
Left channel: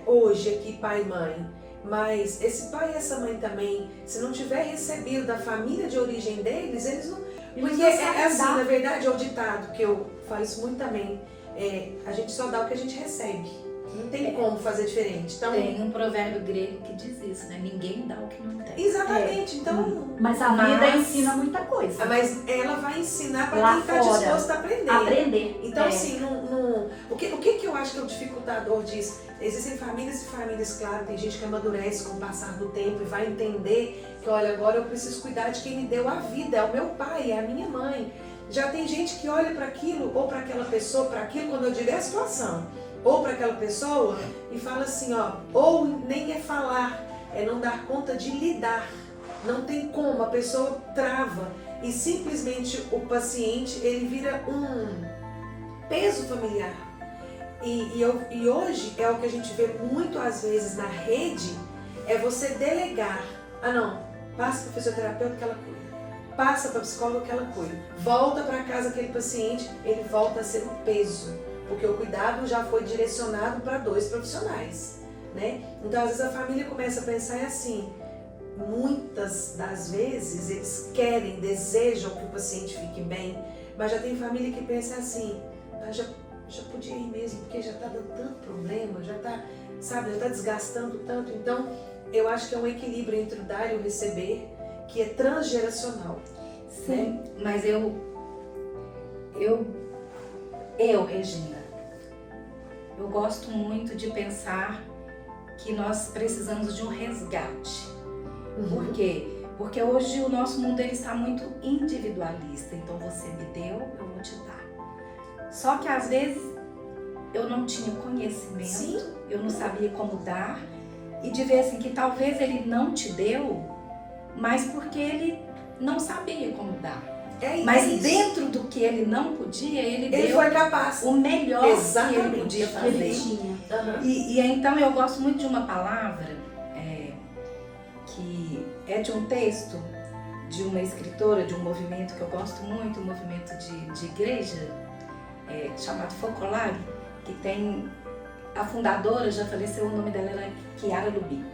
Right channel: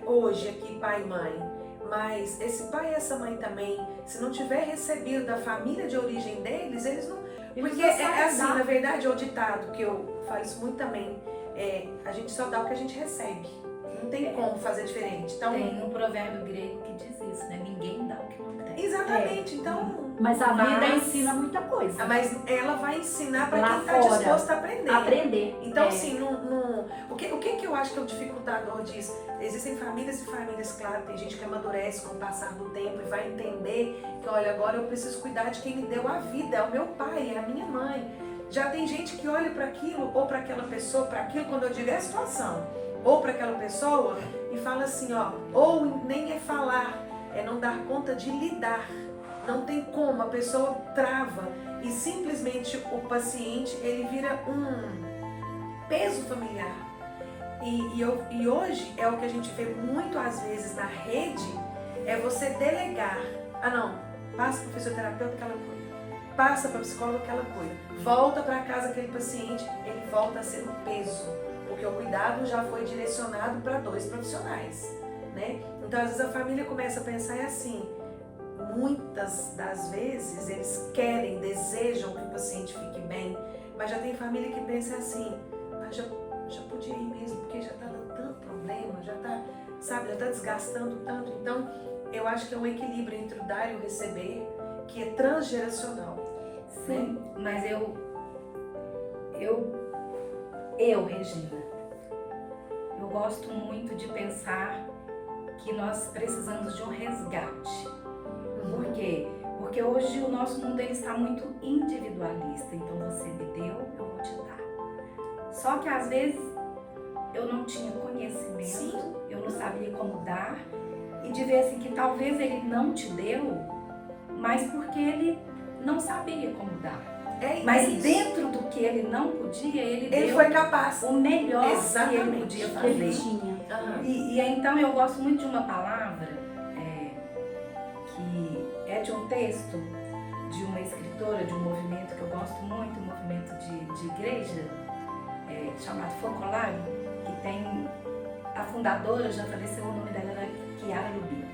hoje aqui, pai e mãe, mas esse pai e essa mãe também, se não tiver recebido da família de origem deles, eles não... Porque é assim, na verdade, é o ditado, que eu falo isso muito também, a gente só dá o que a gente recebe. Não tem como fazer diferente. Então, tem um provérbio grego que diz isso, né? Ninguém dá o que não tem. Exatamente. Então, mas a vida ensina muita coisa. Mas ela vai ensinar para quem está disposto a aprender. Então, assim, o que eu acho que é o dificultador disso? Existem famílias e famílias, claro, tem gente que amadurece com o passar do tempo e vai entender que, olha, agora eu preciso cuidar de quem me deu a vida, é o meu pai, é a minha mãe. Já tem gente que olha para aquilo ou para aquela pessoa, para aquilo, quando eu digo a situação, ou para aquela pessoa e fala assim, ó, ou nem é falar, é não dar conta de lidar. Não tem como, a pessoa trava e simplesmente o paciente, ele vira um peso familiar. E hoje é o que a gente vê muito às vezes na rede, é você delegar. Ah não, passa para o fisioterapeuta que ela cuida, passa para a psicóloga que ela cuida, volta para casa aquele paciente, ele volta a ser um peso, porque o cuidado já foi direcionado para 2 profissionais, né? Então às vezes a família começa a pensar assim, muitas das vezes eles querem, desejam que o paciente fique bem, mas já tem família que pensa assim, já podia ir mesmo, porque já está dando tanto problema, já está desgastando tanto. Então, eu acho que é um equilíbrio entre o dar e o receber, que é transgeracional. Sim, né? Mas eu, Regina, eu gosto muito de pensar que nós precisamos de um resgate. Por quê? Porque hoje o nosso mundo ele está muito individualista. Então, você me deu, eu vou te dar. Só que às vezes eu não tinha conhecimento, sim, eu não sabia como dar, e de ver assim que talvez ele não te deu, mas porque ele não sabia como dar. Mas dentro do que ele não podia, ele deu foi capaz. O melhor. Exatamente. Que ele podia fazer. Ele tinha. E então eu gosto muito de uma palavra que é de um texto de uma escritora de um movimento que eu gosto muito, um movimento de igreja, chamado Focolare, que tem a fundadora, já faleceu, o nome dela era Chiara Lubi,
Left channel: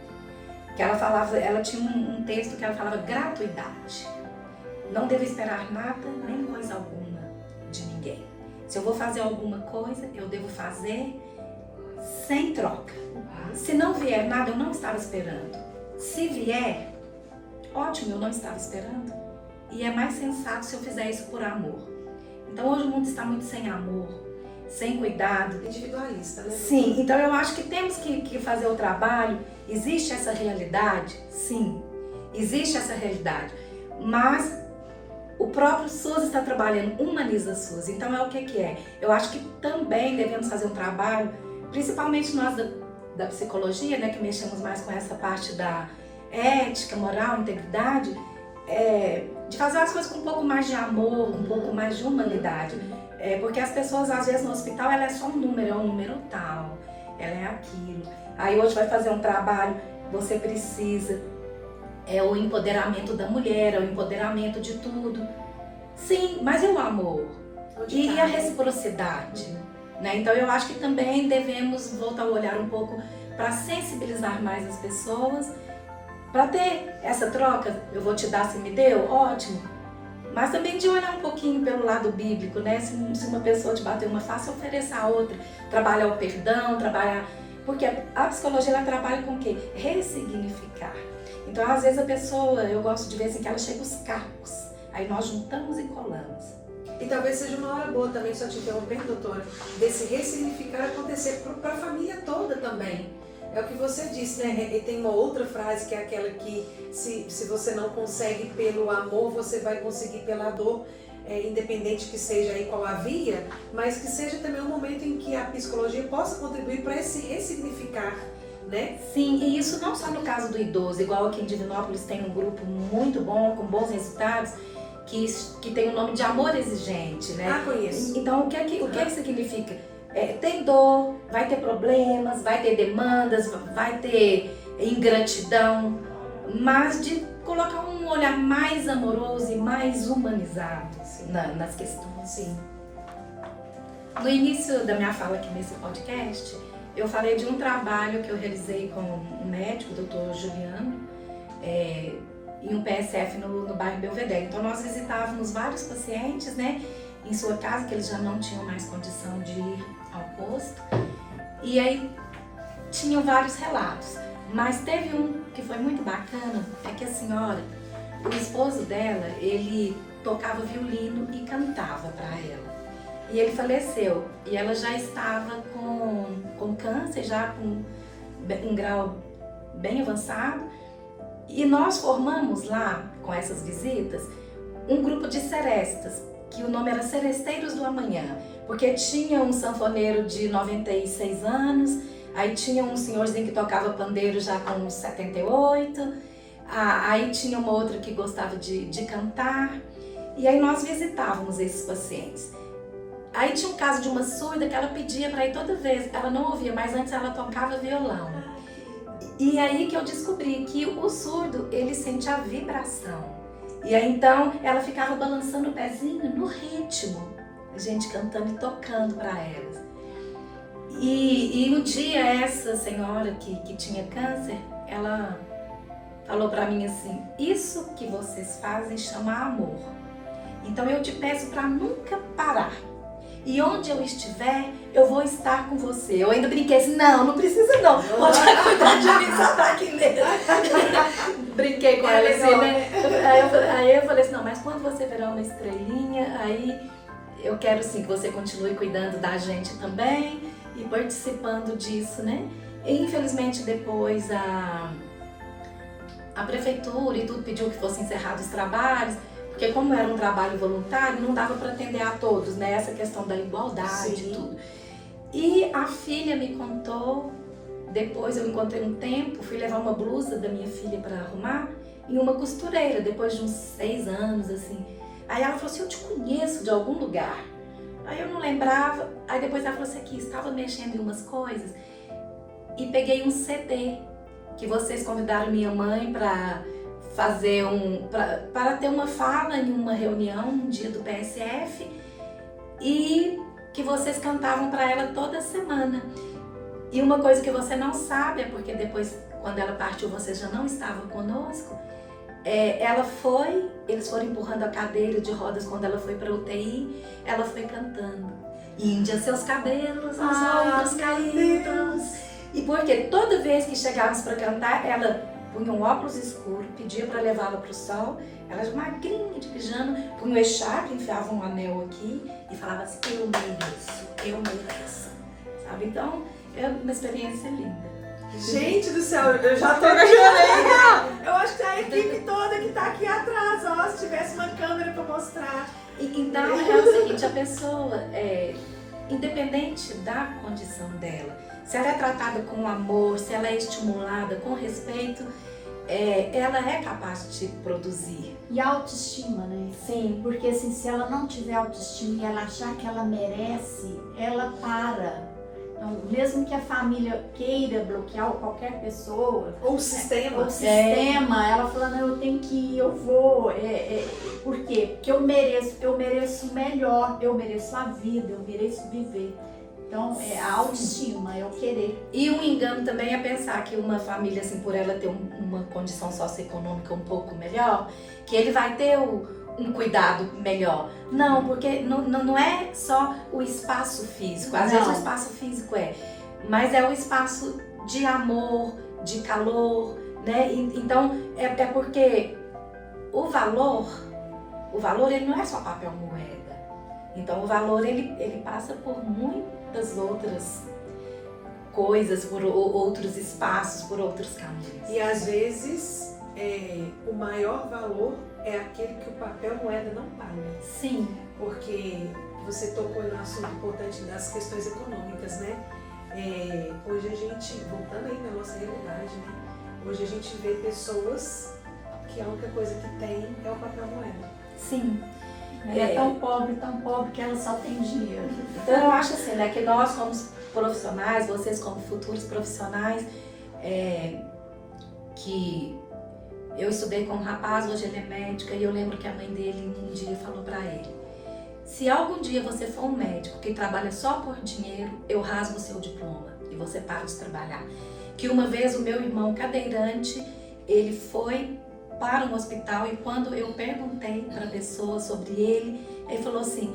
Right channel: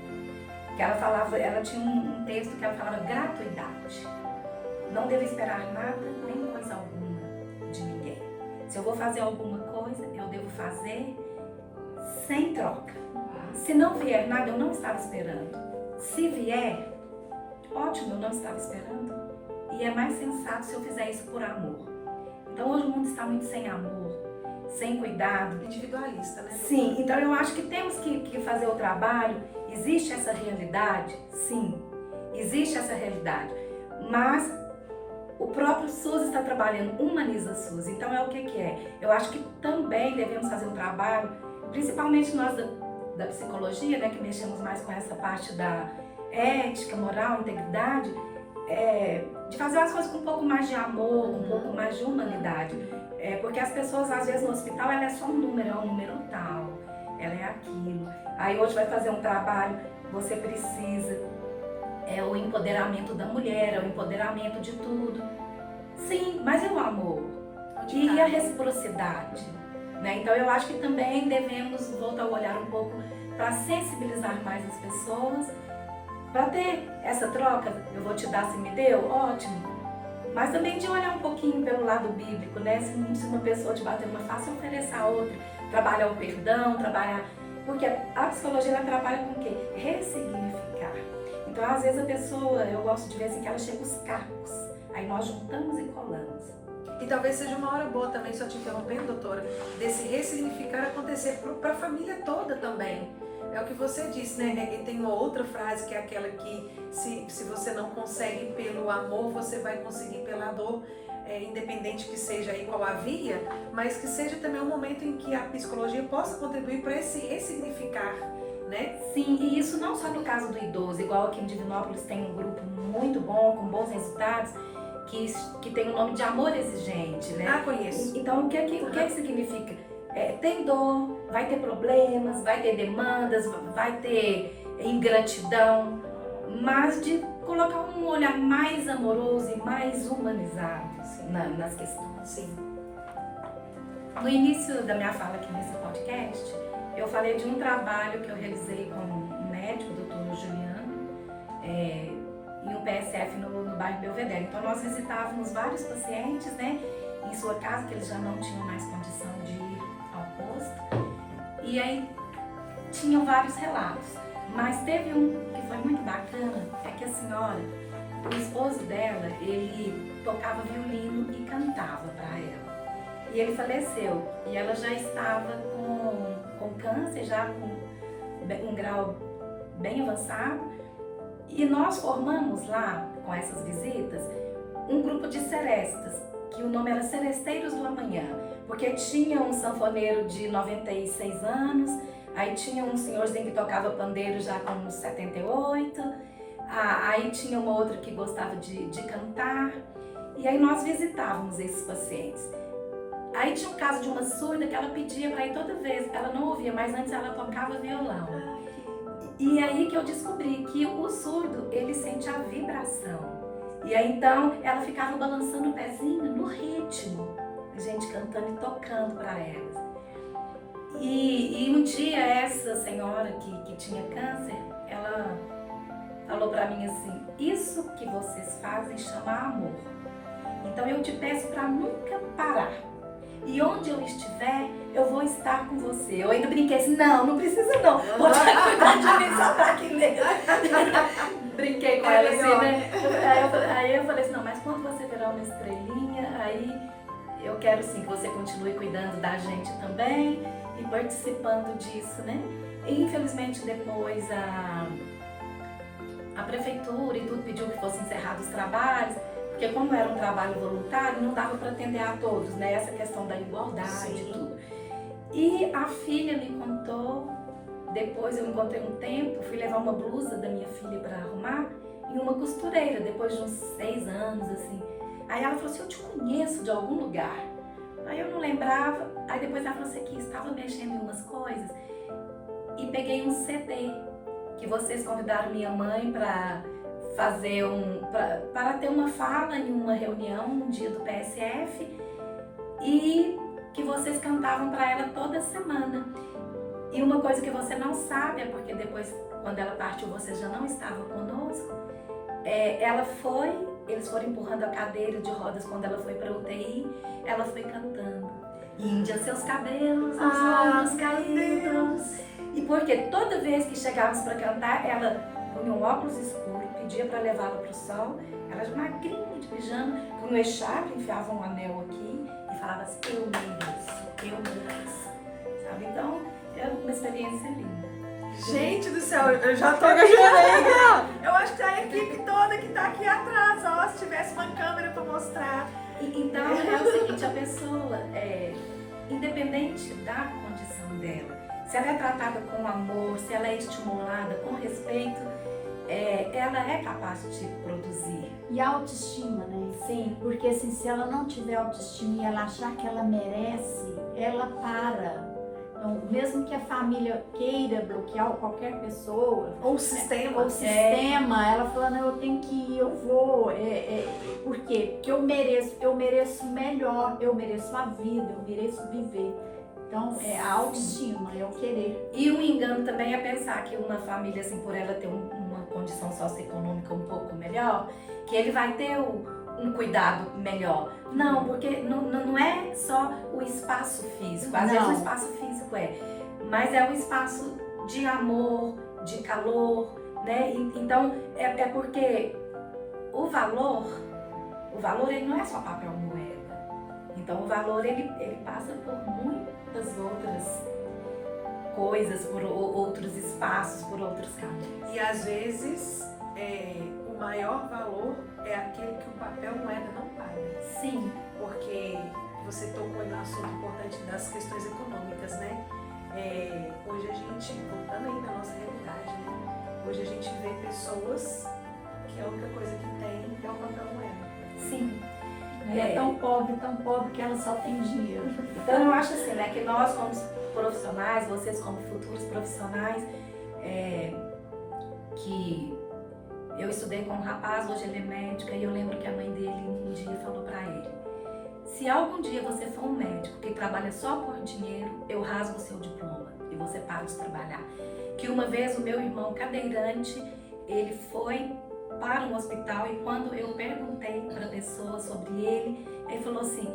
que ela tinha um texto que ela falava gratuidade. Não devo esperar nada, nem coisa alguma de ninguém. Se eu vou fazer alguma coisa, eu devo fazer sem troca. Se não vier nada, eu não estava esperando. Se vier, ótimo, eu não estava esperando. E é mais sensato se eu fizer isso por amor. Então hoje o mundo está muito sem amor, sem cuidado. Individualista, né? Sim, então eu acho que temos que fazer o trabalho. Existe essa realidade? Sim, existe essa realidade. Mas o próprio SUS está trabalhando, humaniza SUS. Então é o que é? Eu acho que também devemos fazer um trabalho, principalmente nós da psicologia, né, que mexemos mais com essa parte da ética, moral, integridade, de fazer as coisas com um pouco mais de amor, com um pouco mais de humanidade. Porque as pessoas, às vezes, no hospital, ela é só um número tal, ela é aquilo. Aí hoje vai fazer um trabalho, você precisa, o empoderamento da mulher, o empoderamento de tudo. Sim, mas e o amor? e a reciprocidade, né? Então eu acho que também devemos voltar a olhar um pouco para sensibilizar mais as pessoas, para ter essa troca. Eu vou te dar, se me deu, ótimo, mas também de olhar um pouquinho pelo lado bíblico, né? Se uma pessoa te bater uma face, oferecer a outra, trabalhar o perdão, porque a psicologia ela trabalha com o quê? Ressignificar. Então às vezes a pessoa, eu gosto de ver assim que ela chega os cacos, aí nós juntamos e colamos. E talvez seja uma hora boa também, só te interrompendo, doutora, desse ressignificar acontecer para a família toda também. É o que você disse, né? E tem uma outra frase que é aquela que se você não consegue pelo amor, você vai conseguir pela dor, independente que seja aí qual a via, mas que seja também um momento em que a psicologia possa contribuir para esse ressignificar, né? Sim, e isso não só no caso do idoso, igual aqui em Divinópolis tem um grupo muito bom, com bons resultados, que tem o nome de amor exigente, né? Ah, conheço. Então, o que significa? Tem dor, vai ter problemas, vai ter demandas, vai ter ingratidão, mas de colocar um olhar mais amoroso e mais humanizado nas questões. Sim. No início da minha fala aqui nesse podcast, eu falei de um trabalho que eu realizei com um médico, o Dr. Juliano, em um PSF no bairro Belvedere. Então nós visitávamos vários pacientes, né, em sua casa, que eles já não tinham mais condição de ir ao posto. E aí tinham vários relatos. Mas teve um que foi muito bacana, é que a senhora, o esposo dela, ele tocava violino e cantava para ela. E ele faleceu. E ela já estava com câncer, já com um grau bem avançado. E nós formamos lá, com essas visitas, um grupo de serestas, que o nome era Seresteiros do Amanhã, porque tinha um sanfoneiro de 96 anos, aí tinha um senhorzinho que tocava pandeiro já com uns 78, aí tinha uma outra que gostava de cantar, e aí nós visitávamos esses pacientes. Aí tinha o caso de uma surda que ela pedia para ir toda vez, ela não ouvia, mas antes ela tocava violão. E aí que eu descobri que o surdo, ele sente a vibração. E aí então ela ficava balançando o pezinho no ritmo, a gente cantando e tocando para elas. E um dia essa senhora que tinha câncer, ela falou para mim assim: isso que vocês fazem chama amor. Então eu te peço para nunca parar. E onde eu estiver, eu vou estar com você. Eu ainda brinquei assim: não precisa não. Pode cuidar de mim, só tá aqui mesmo. Brinquei com ela assim, né? Aí eu falei assim: não, mas quando você virar uma estrelinha, aí eu quero sim que você continue cuidando da gente também e participando disso, né? E infelizmente depois a prefeitura e tudo pediu que fossem encerrados os trabalhos, porque como era um trabalho voluntário, não dava para atender a todos, né? Essa questão da igualdade e tudo. E a filha me contou, depois eu encontrei um tempo, fui levar uma blusa da minha filha para arrumar em uma costureira, depois de uns 6 anos, assim. Aí ela falou assim: eu te conheço de algum lugar. Aí eu não lembrava, aí depois ela falou assim: que estava mexendo em umas coisas e peguei um CD que vocês convidaram minha mãe para fazer para ter uma fala em uma reunião, um dia do PSF, e que vocês cantavam para ela toda semana. E uma coisa que você não sabe é porque depois, quando ela partiu, você já não estava conosco. Eles foram empurrando a cadeira de rodas quando ela foi para UTI, ela foi cantando: Índia, seus cabelos, os ombros caídos. E porque toda vez que chegávamos para cantar, ela punha um óculos escuro, pedia para levá-la para o sol, ela já magrinha de pijama, punha um echarpe, enfiava um anel aqui e falava assim: eu mereço, sabe? Então, é uma experiência linda. Gente do céu, eu já tô chorando. Eu acho que a equipe toda que tá aqui atrás, ó, se tivesse uma câmera para mostrar. Então, é o seguinte, a pessoa, independente da condição dela, se ela é tratada com amor, se ela é estimulada com respeito, ela é capaz de produzir. E a autoestima, né? Sim. Porque assim, se ela não tiver autoestima e ela achar que ela merece, ela para. Então, mesmo que a família queira bloquear ou qualquer pessoa, Ou o sistema. ou o sistema, ela fala, não, eu tenho que ir, eu vou. Por quê? Porque eu mereço melhor, eu mereço a vida, eu mereço viver. Então, é a autoestima, é o querer. E um engano também é pensar que uma família, assim, por ela ter uma condição socioeconômica um pouco melhor, que ele vai ter um cuidado melhor. Não, porque não é só o espaço físico. Às vezes o espaço físico mas é o espaço de amor, de calor, né? Então, é porque o valor ele não é só papel moeda. Então, o valor ele passa por muitas outras coisas, por outros espaços, por outros caminhos. E às vezes o maior valor é aquele que o papel moeda não paga. Sim. Porque você tocou em um assunto importante das questões econômicas, né? Hoje a gente, voltando aí na nossa realidade, né? Hoje a gente vê pessoas que a única coisa que tem é o papel moeda. Sim. Ela é tão pobre que ela só tem dinheiro. Então eu acho assim, né, que nós como profissionais, vocês como futuros profissionais, que eu estudei com um rapaz, hoje ele é médico, e eu lembro que a mãe dele um dia falou pra ele: se algum dia você for um médico que trabalha só por dinheiro, eu rasgo o seu diploma e você para de trabalhar. Que uma vez o meu irmão cadeirante, ele foi para um hospital e quando eu perguntei para a pessoa sobre ele falou assim,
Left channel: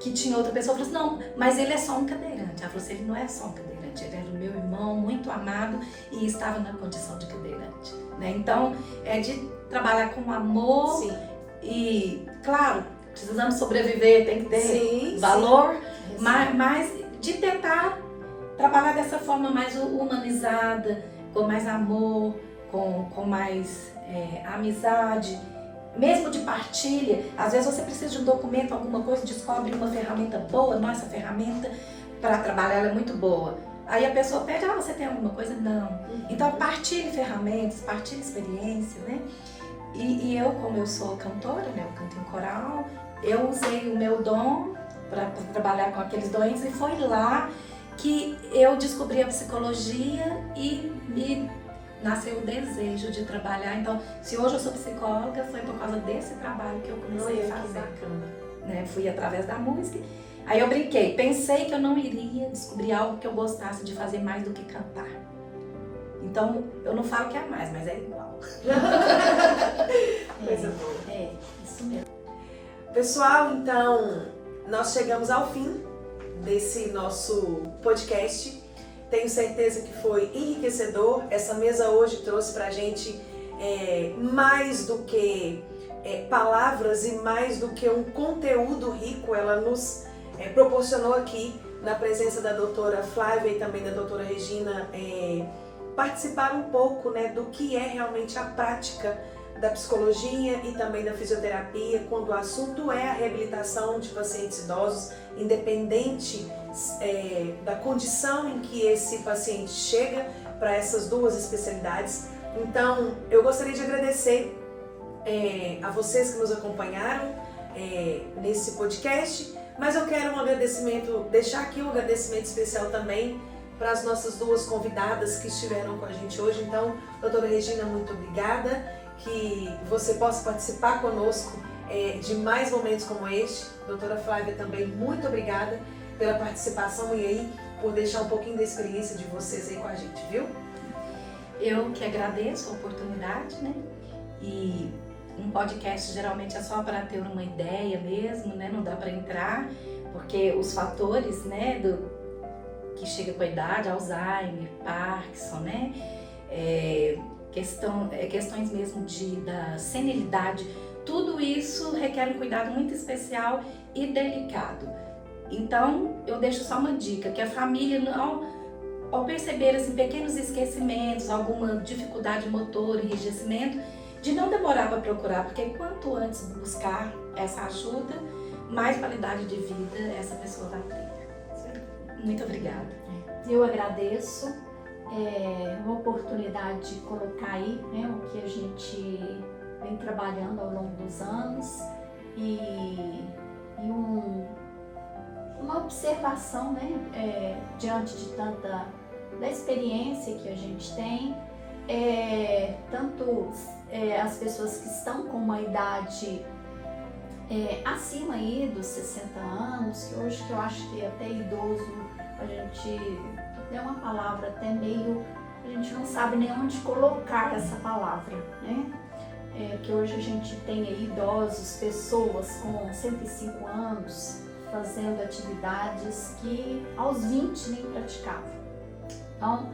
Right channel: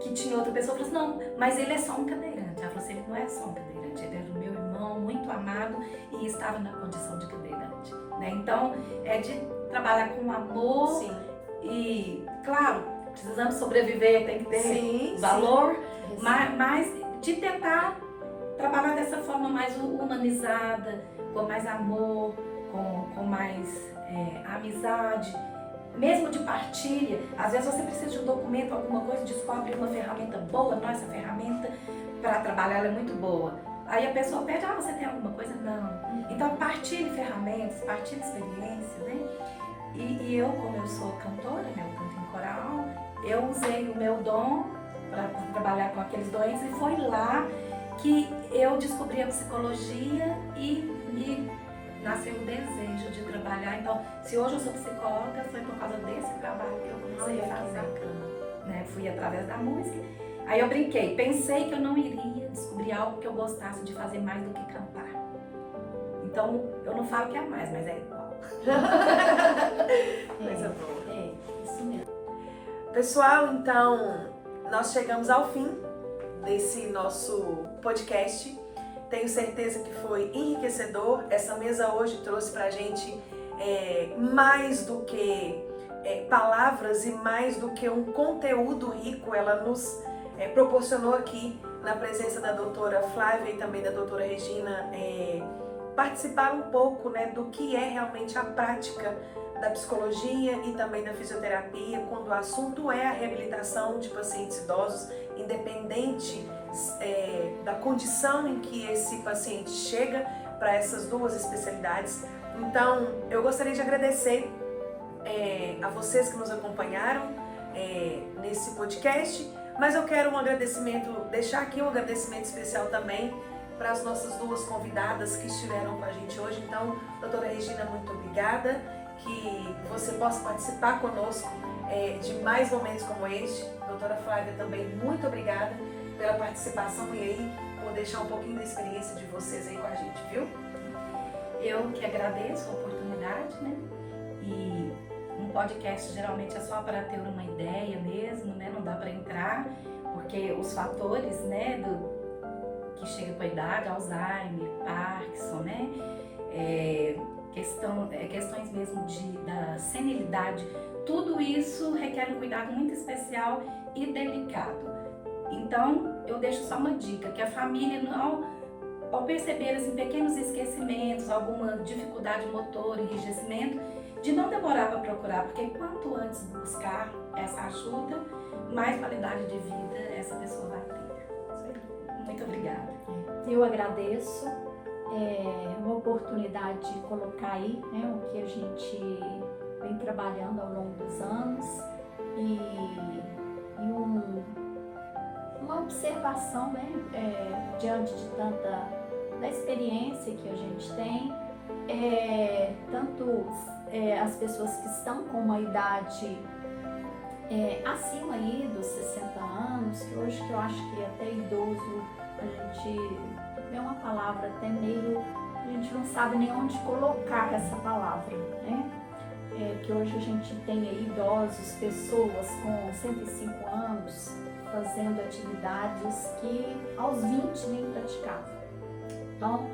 que tinha outra pessoa, falou assim, não, mas ele é só um cadeirante. Ela falou assim, ele não é só um cadeirante, ele era o meu irmão muito amado e estava na condição de cadeirante, né? Então, é de trabalhar com amor. Sim. E, claro, precisamos sobreviver, tem que ter valor, mas de tentar trabalhar dessa forma mais humanizada, com mais amor, com mais amizade, mesmo de partilha. Às vezes você precisa de um documento, alguma coisa, descobre uma ferramenta boa, nossa ferramenta para trabalhar ela é muito boa. Aí a pessoa pede, você tem alguma coisa? Não. Então partilhe ferramentas, partilhe experiência, né? E eu, como eu sou cantora, né, eu canto em coral, eu usei o meu dom para trabalhar com aqueles doentes e foi lá que eu descobri a psicologia e me nasceu o desejo de trabalhar. Então, se hoje eu sou psicóloga, foi por causa desse trabalho que eu comecei a fazer. Né? Fui através da música. Aí eu brinquei, pensei que eu não iria descobrir algo que eu gostasse de fazer mais do que cantar. Então, eu não falo que é mais, mas é igual. Isso mesmo. Pessoal, então, nós chegamos ao fim desse nosso podcast. Tenho certeza que foi enriquecedor. Essa mesa hoje trouxe pra gente mais do que palavras e mais do que um conteúdo rico. Ela nos proporcionou aqui, na presença da doutora Flávia e também da doutora Regina, participar um pouco, né, do que é realmente a prática da psicologia e também da fisioterapia, quando o assunto é a reabilitação de pacientes idosos, independente da condição em que esse paciente chega para essas duas especialidades. Então, eu gostaria de agradecer a vocês que nos acompanharam nesse podcast, mas eu quero deixar aqui um agradecimento especial também para as nossas duas convidadas que estiveram com a gente hoje. Então, doutora Regina, muito obrigada, que você possa participar conosco de mais momentos como este. Doutora Flávia, também muito obrigada pela participação e aí por deixar um pouquinho da experiência de vocês aí com a gente, viu? Eu que agradeço a oportunidade, né? E um podcast geralmente é só para ter uma ideia mesmo, né? Não dá para entrar, porque os fatores, né, que chega com a idade, Alzheimer, Parkinson, né? Questões mesmo da senilidade, tudo isso requer um cuidado muito especial e delicado. Então, eu deixo só uma dica, que a família, ao perceber assim, pequenos esquecimentos, alguma dificuldade motora, enrijecimento, de não demorar para procurar, porque quanto antes buscar essa ajuda, mais qualidade de vida essa pessoa vai ter. Muito obrigada. Eu agradeço uma oportunidade de colocar aí, né, o que a gente vem trabalhando ao longo dos anos e uma observação, né, diante de tanta da experiência que a gente tem, tanto as pessoas que estão com uma idade acima aí dos 60 anos, que hoje que eu acho que até idoso a gente é uma palavra até meio, a gente não sabe nem onde colocar essa palavra, né? Que hoje a gente tem aí idosos, pessoas com 105 anos fazendo atividades que aos 20 nem praticavam. Então,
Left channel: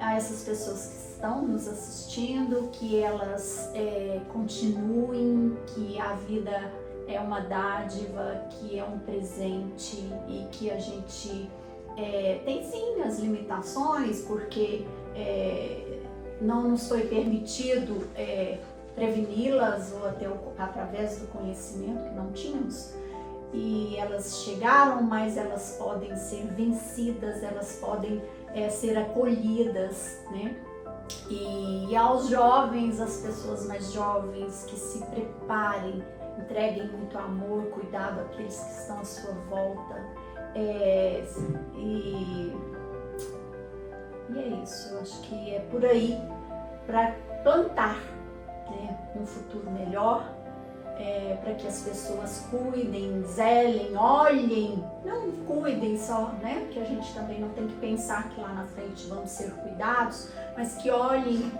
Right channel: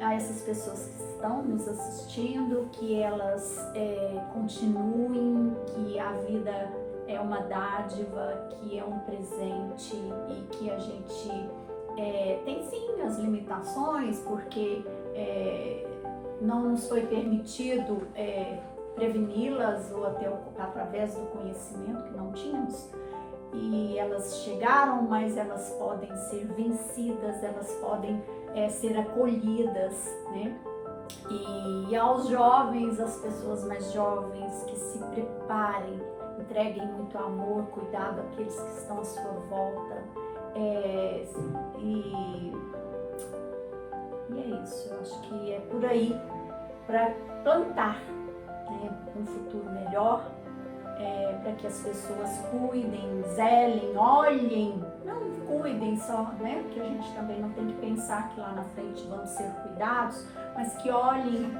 a essas pessoas que estão nos assistindo, que elas continuem, que a vida é uma dádiva, que é um presente e que a gente tem sim as limitações, porque não nos foi permitido preveni-las ou até através do conhecimento que não tínhamos. E elas chegaram, mas elas podem ser vencidas, elas podem ser acolhidas, né? E aos jovens, as pessoas mais jovens, que se preparem, entreguem muito amor, cuidado àqueles que estão à sua volta. E é isso, eu acho que é por aí, para plantar, né, um futuro melhor, para que as pessoas cuidem, zelem, olhem, não cuidem só, né, porque a gente também não tem que pensar que lá na frente vamos ser cuidados, mas que olhem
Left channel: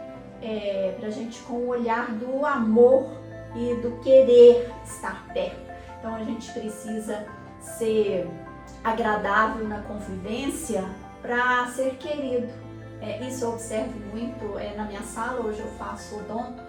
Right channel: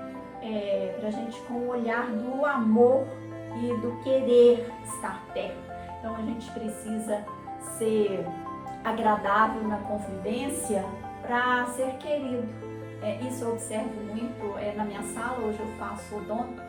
para a gente com o olhar do amor e do querer estar perto. Então a gente precisa ser agradável na convivência para ser querido. Isso eu observo muito na minha sala. Hoje eu faço odonto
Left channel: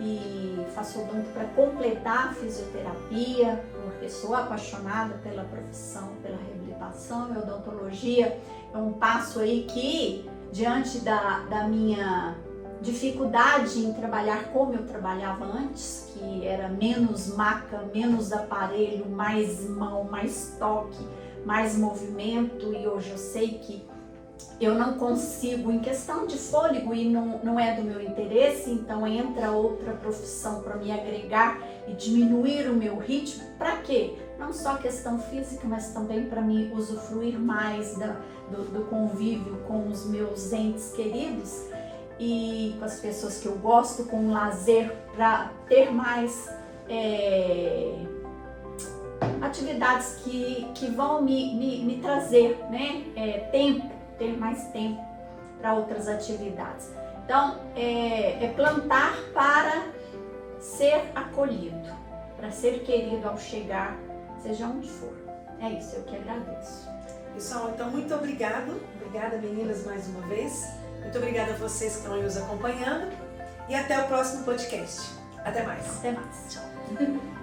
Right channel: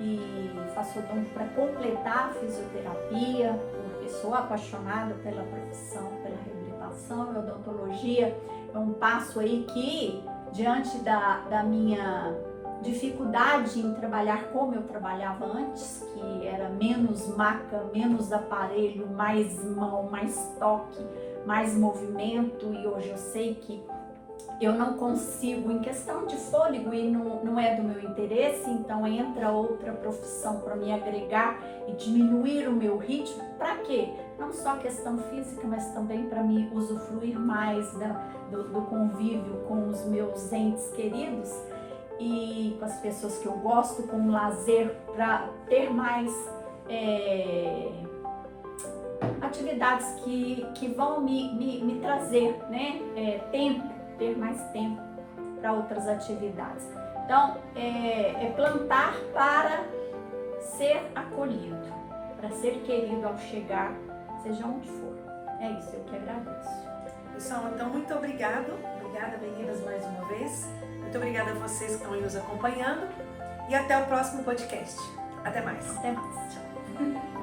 e faço odonto para completar a fisioterapia, porque sou apaixonada pela profissão, pela reabilitação. E odontologia é um passo aí que, diante da minha dificuldade em trabalhar como eu trabalhava antes, que era menos maca, menos aparelho, mais mão, mais toque, mais movimento, e hoje eu sei que eu não consigo, em questão de fôlego, e não é do meu interesse, então entra outra profissão para me agregar e diminuir o meu ritmo. Para quê? Não só questão física, mas também para me usufruir mais do convívio com os meus entes queridos e com as pessoas que eu gosto, com lazer, para ter mais atividades que vão me trazer, né, ter mais tempo para outras atividades. Então, é plantar para ser acolhido, para ser querido ao chegar, seja onde for. É isso, eu que agradeço. Pessoal, então muito obrigada meninas mais uma vez. Muito obrigada a vocês que estão aí nos acompanhando e até o próximo podcast. Até mais. Até mais. Tchau.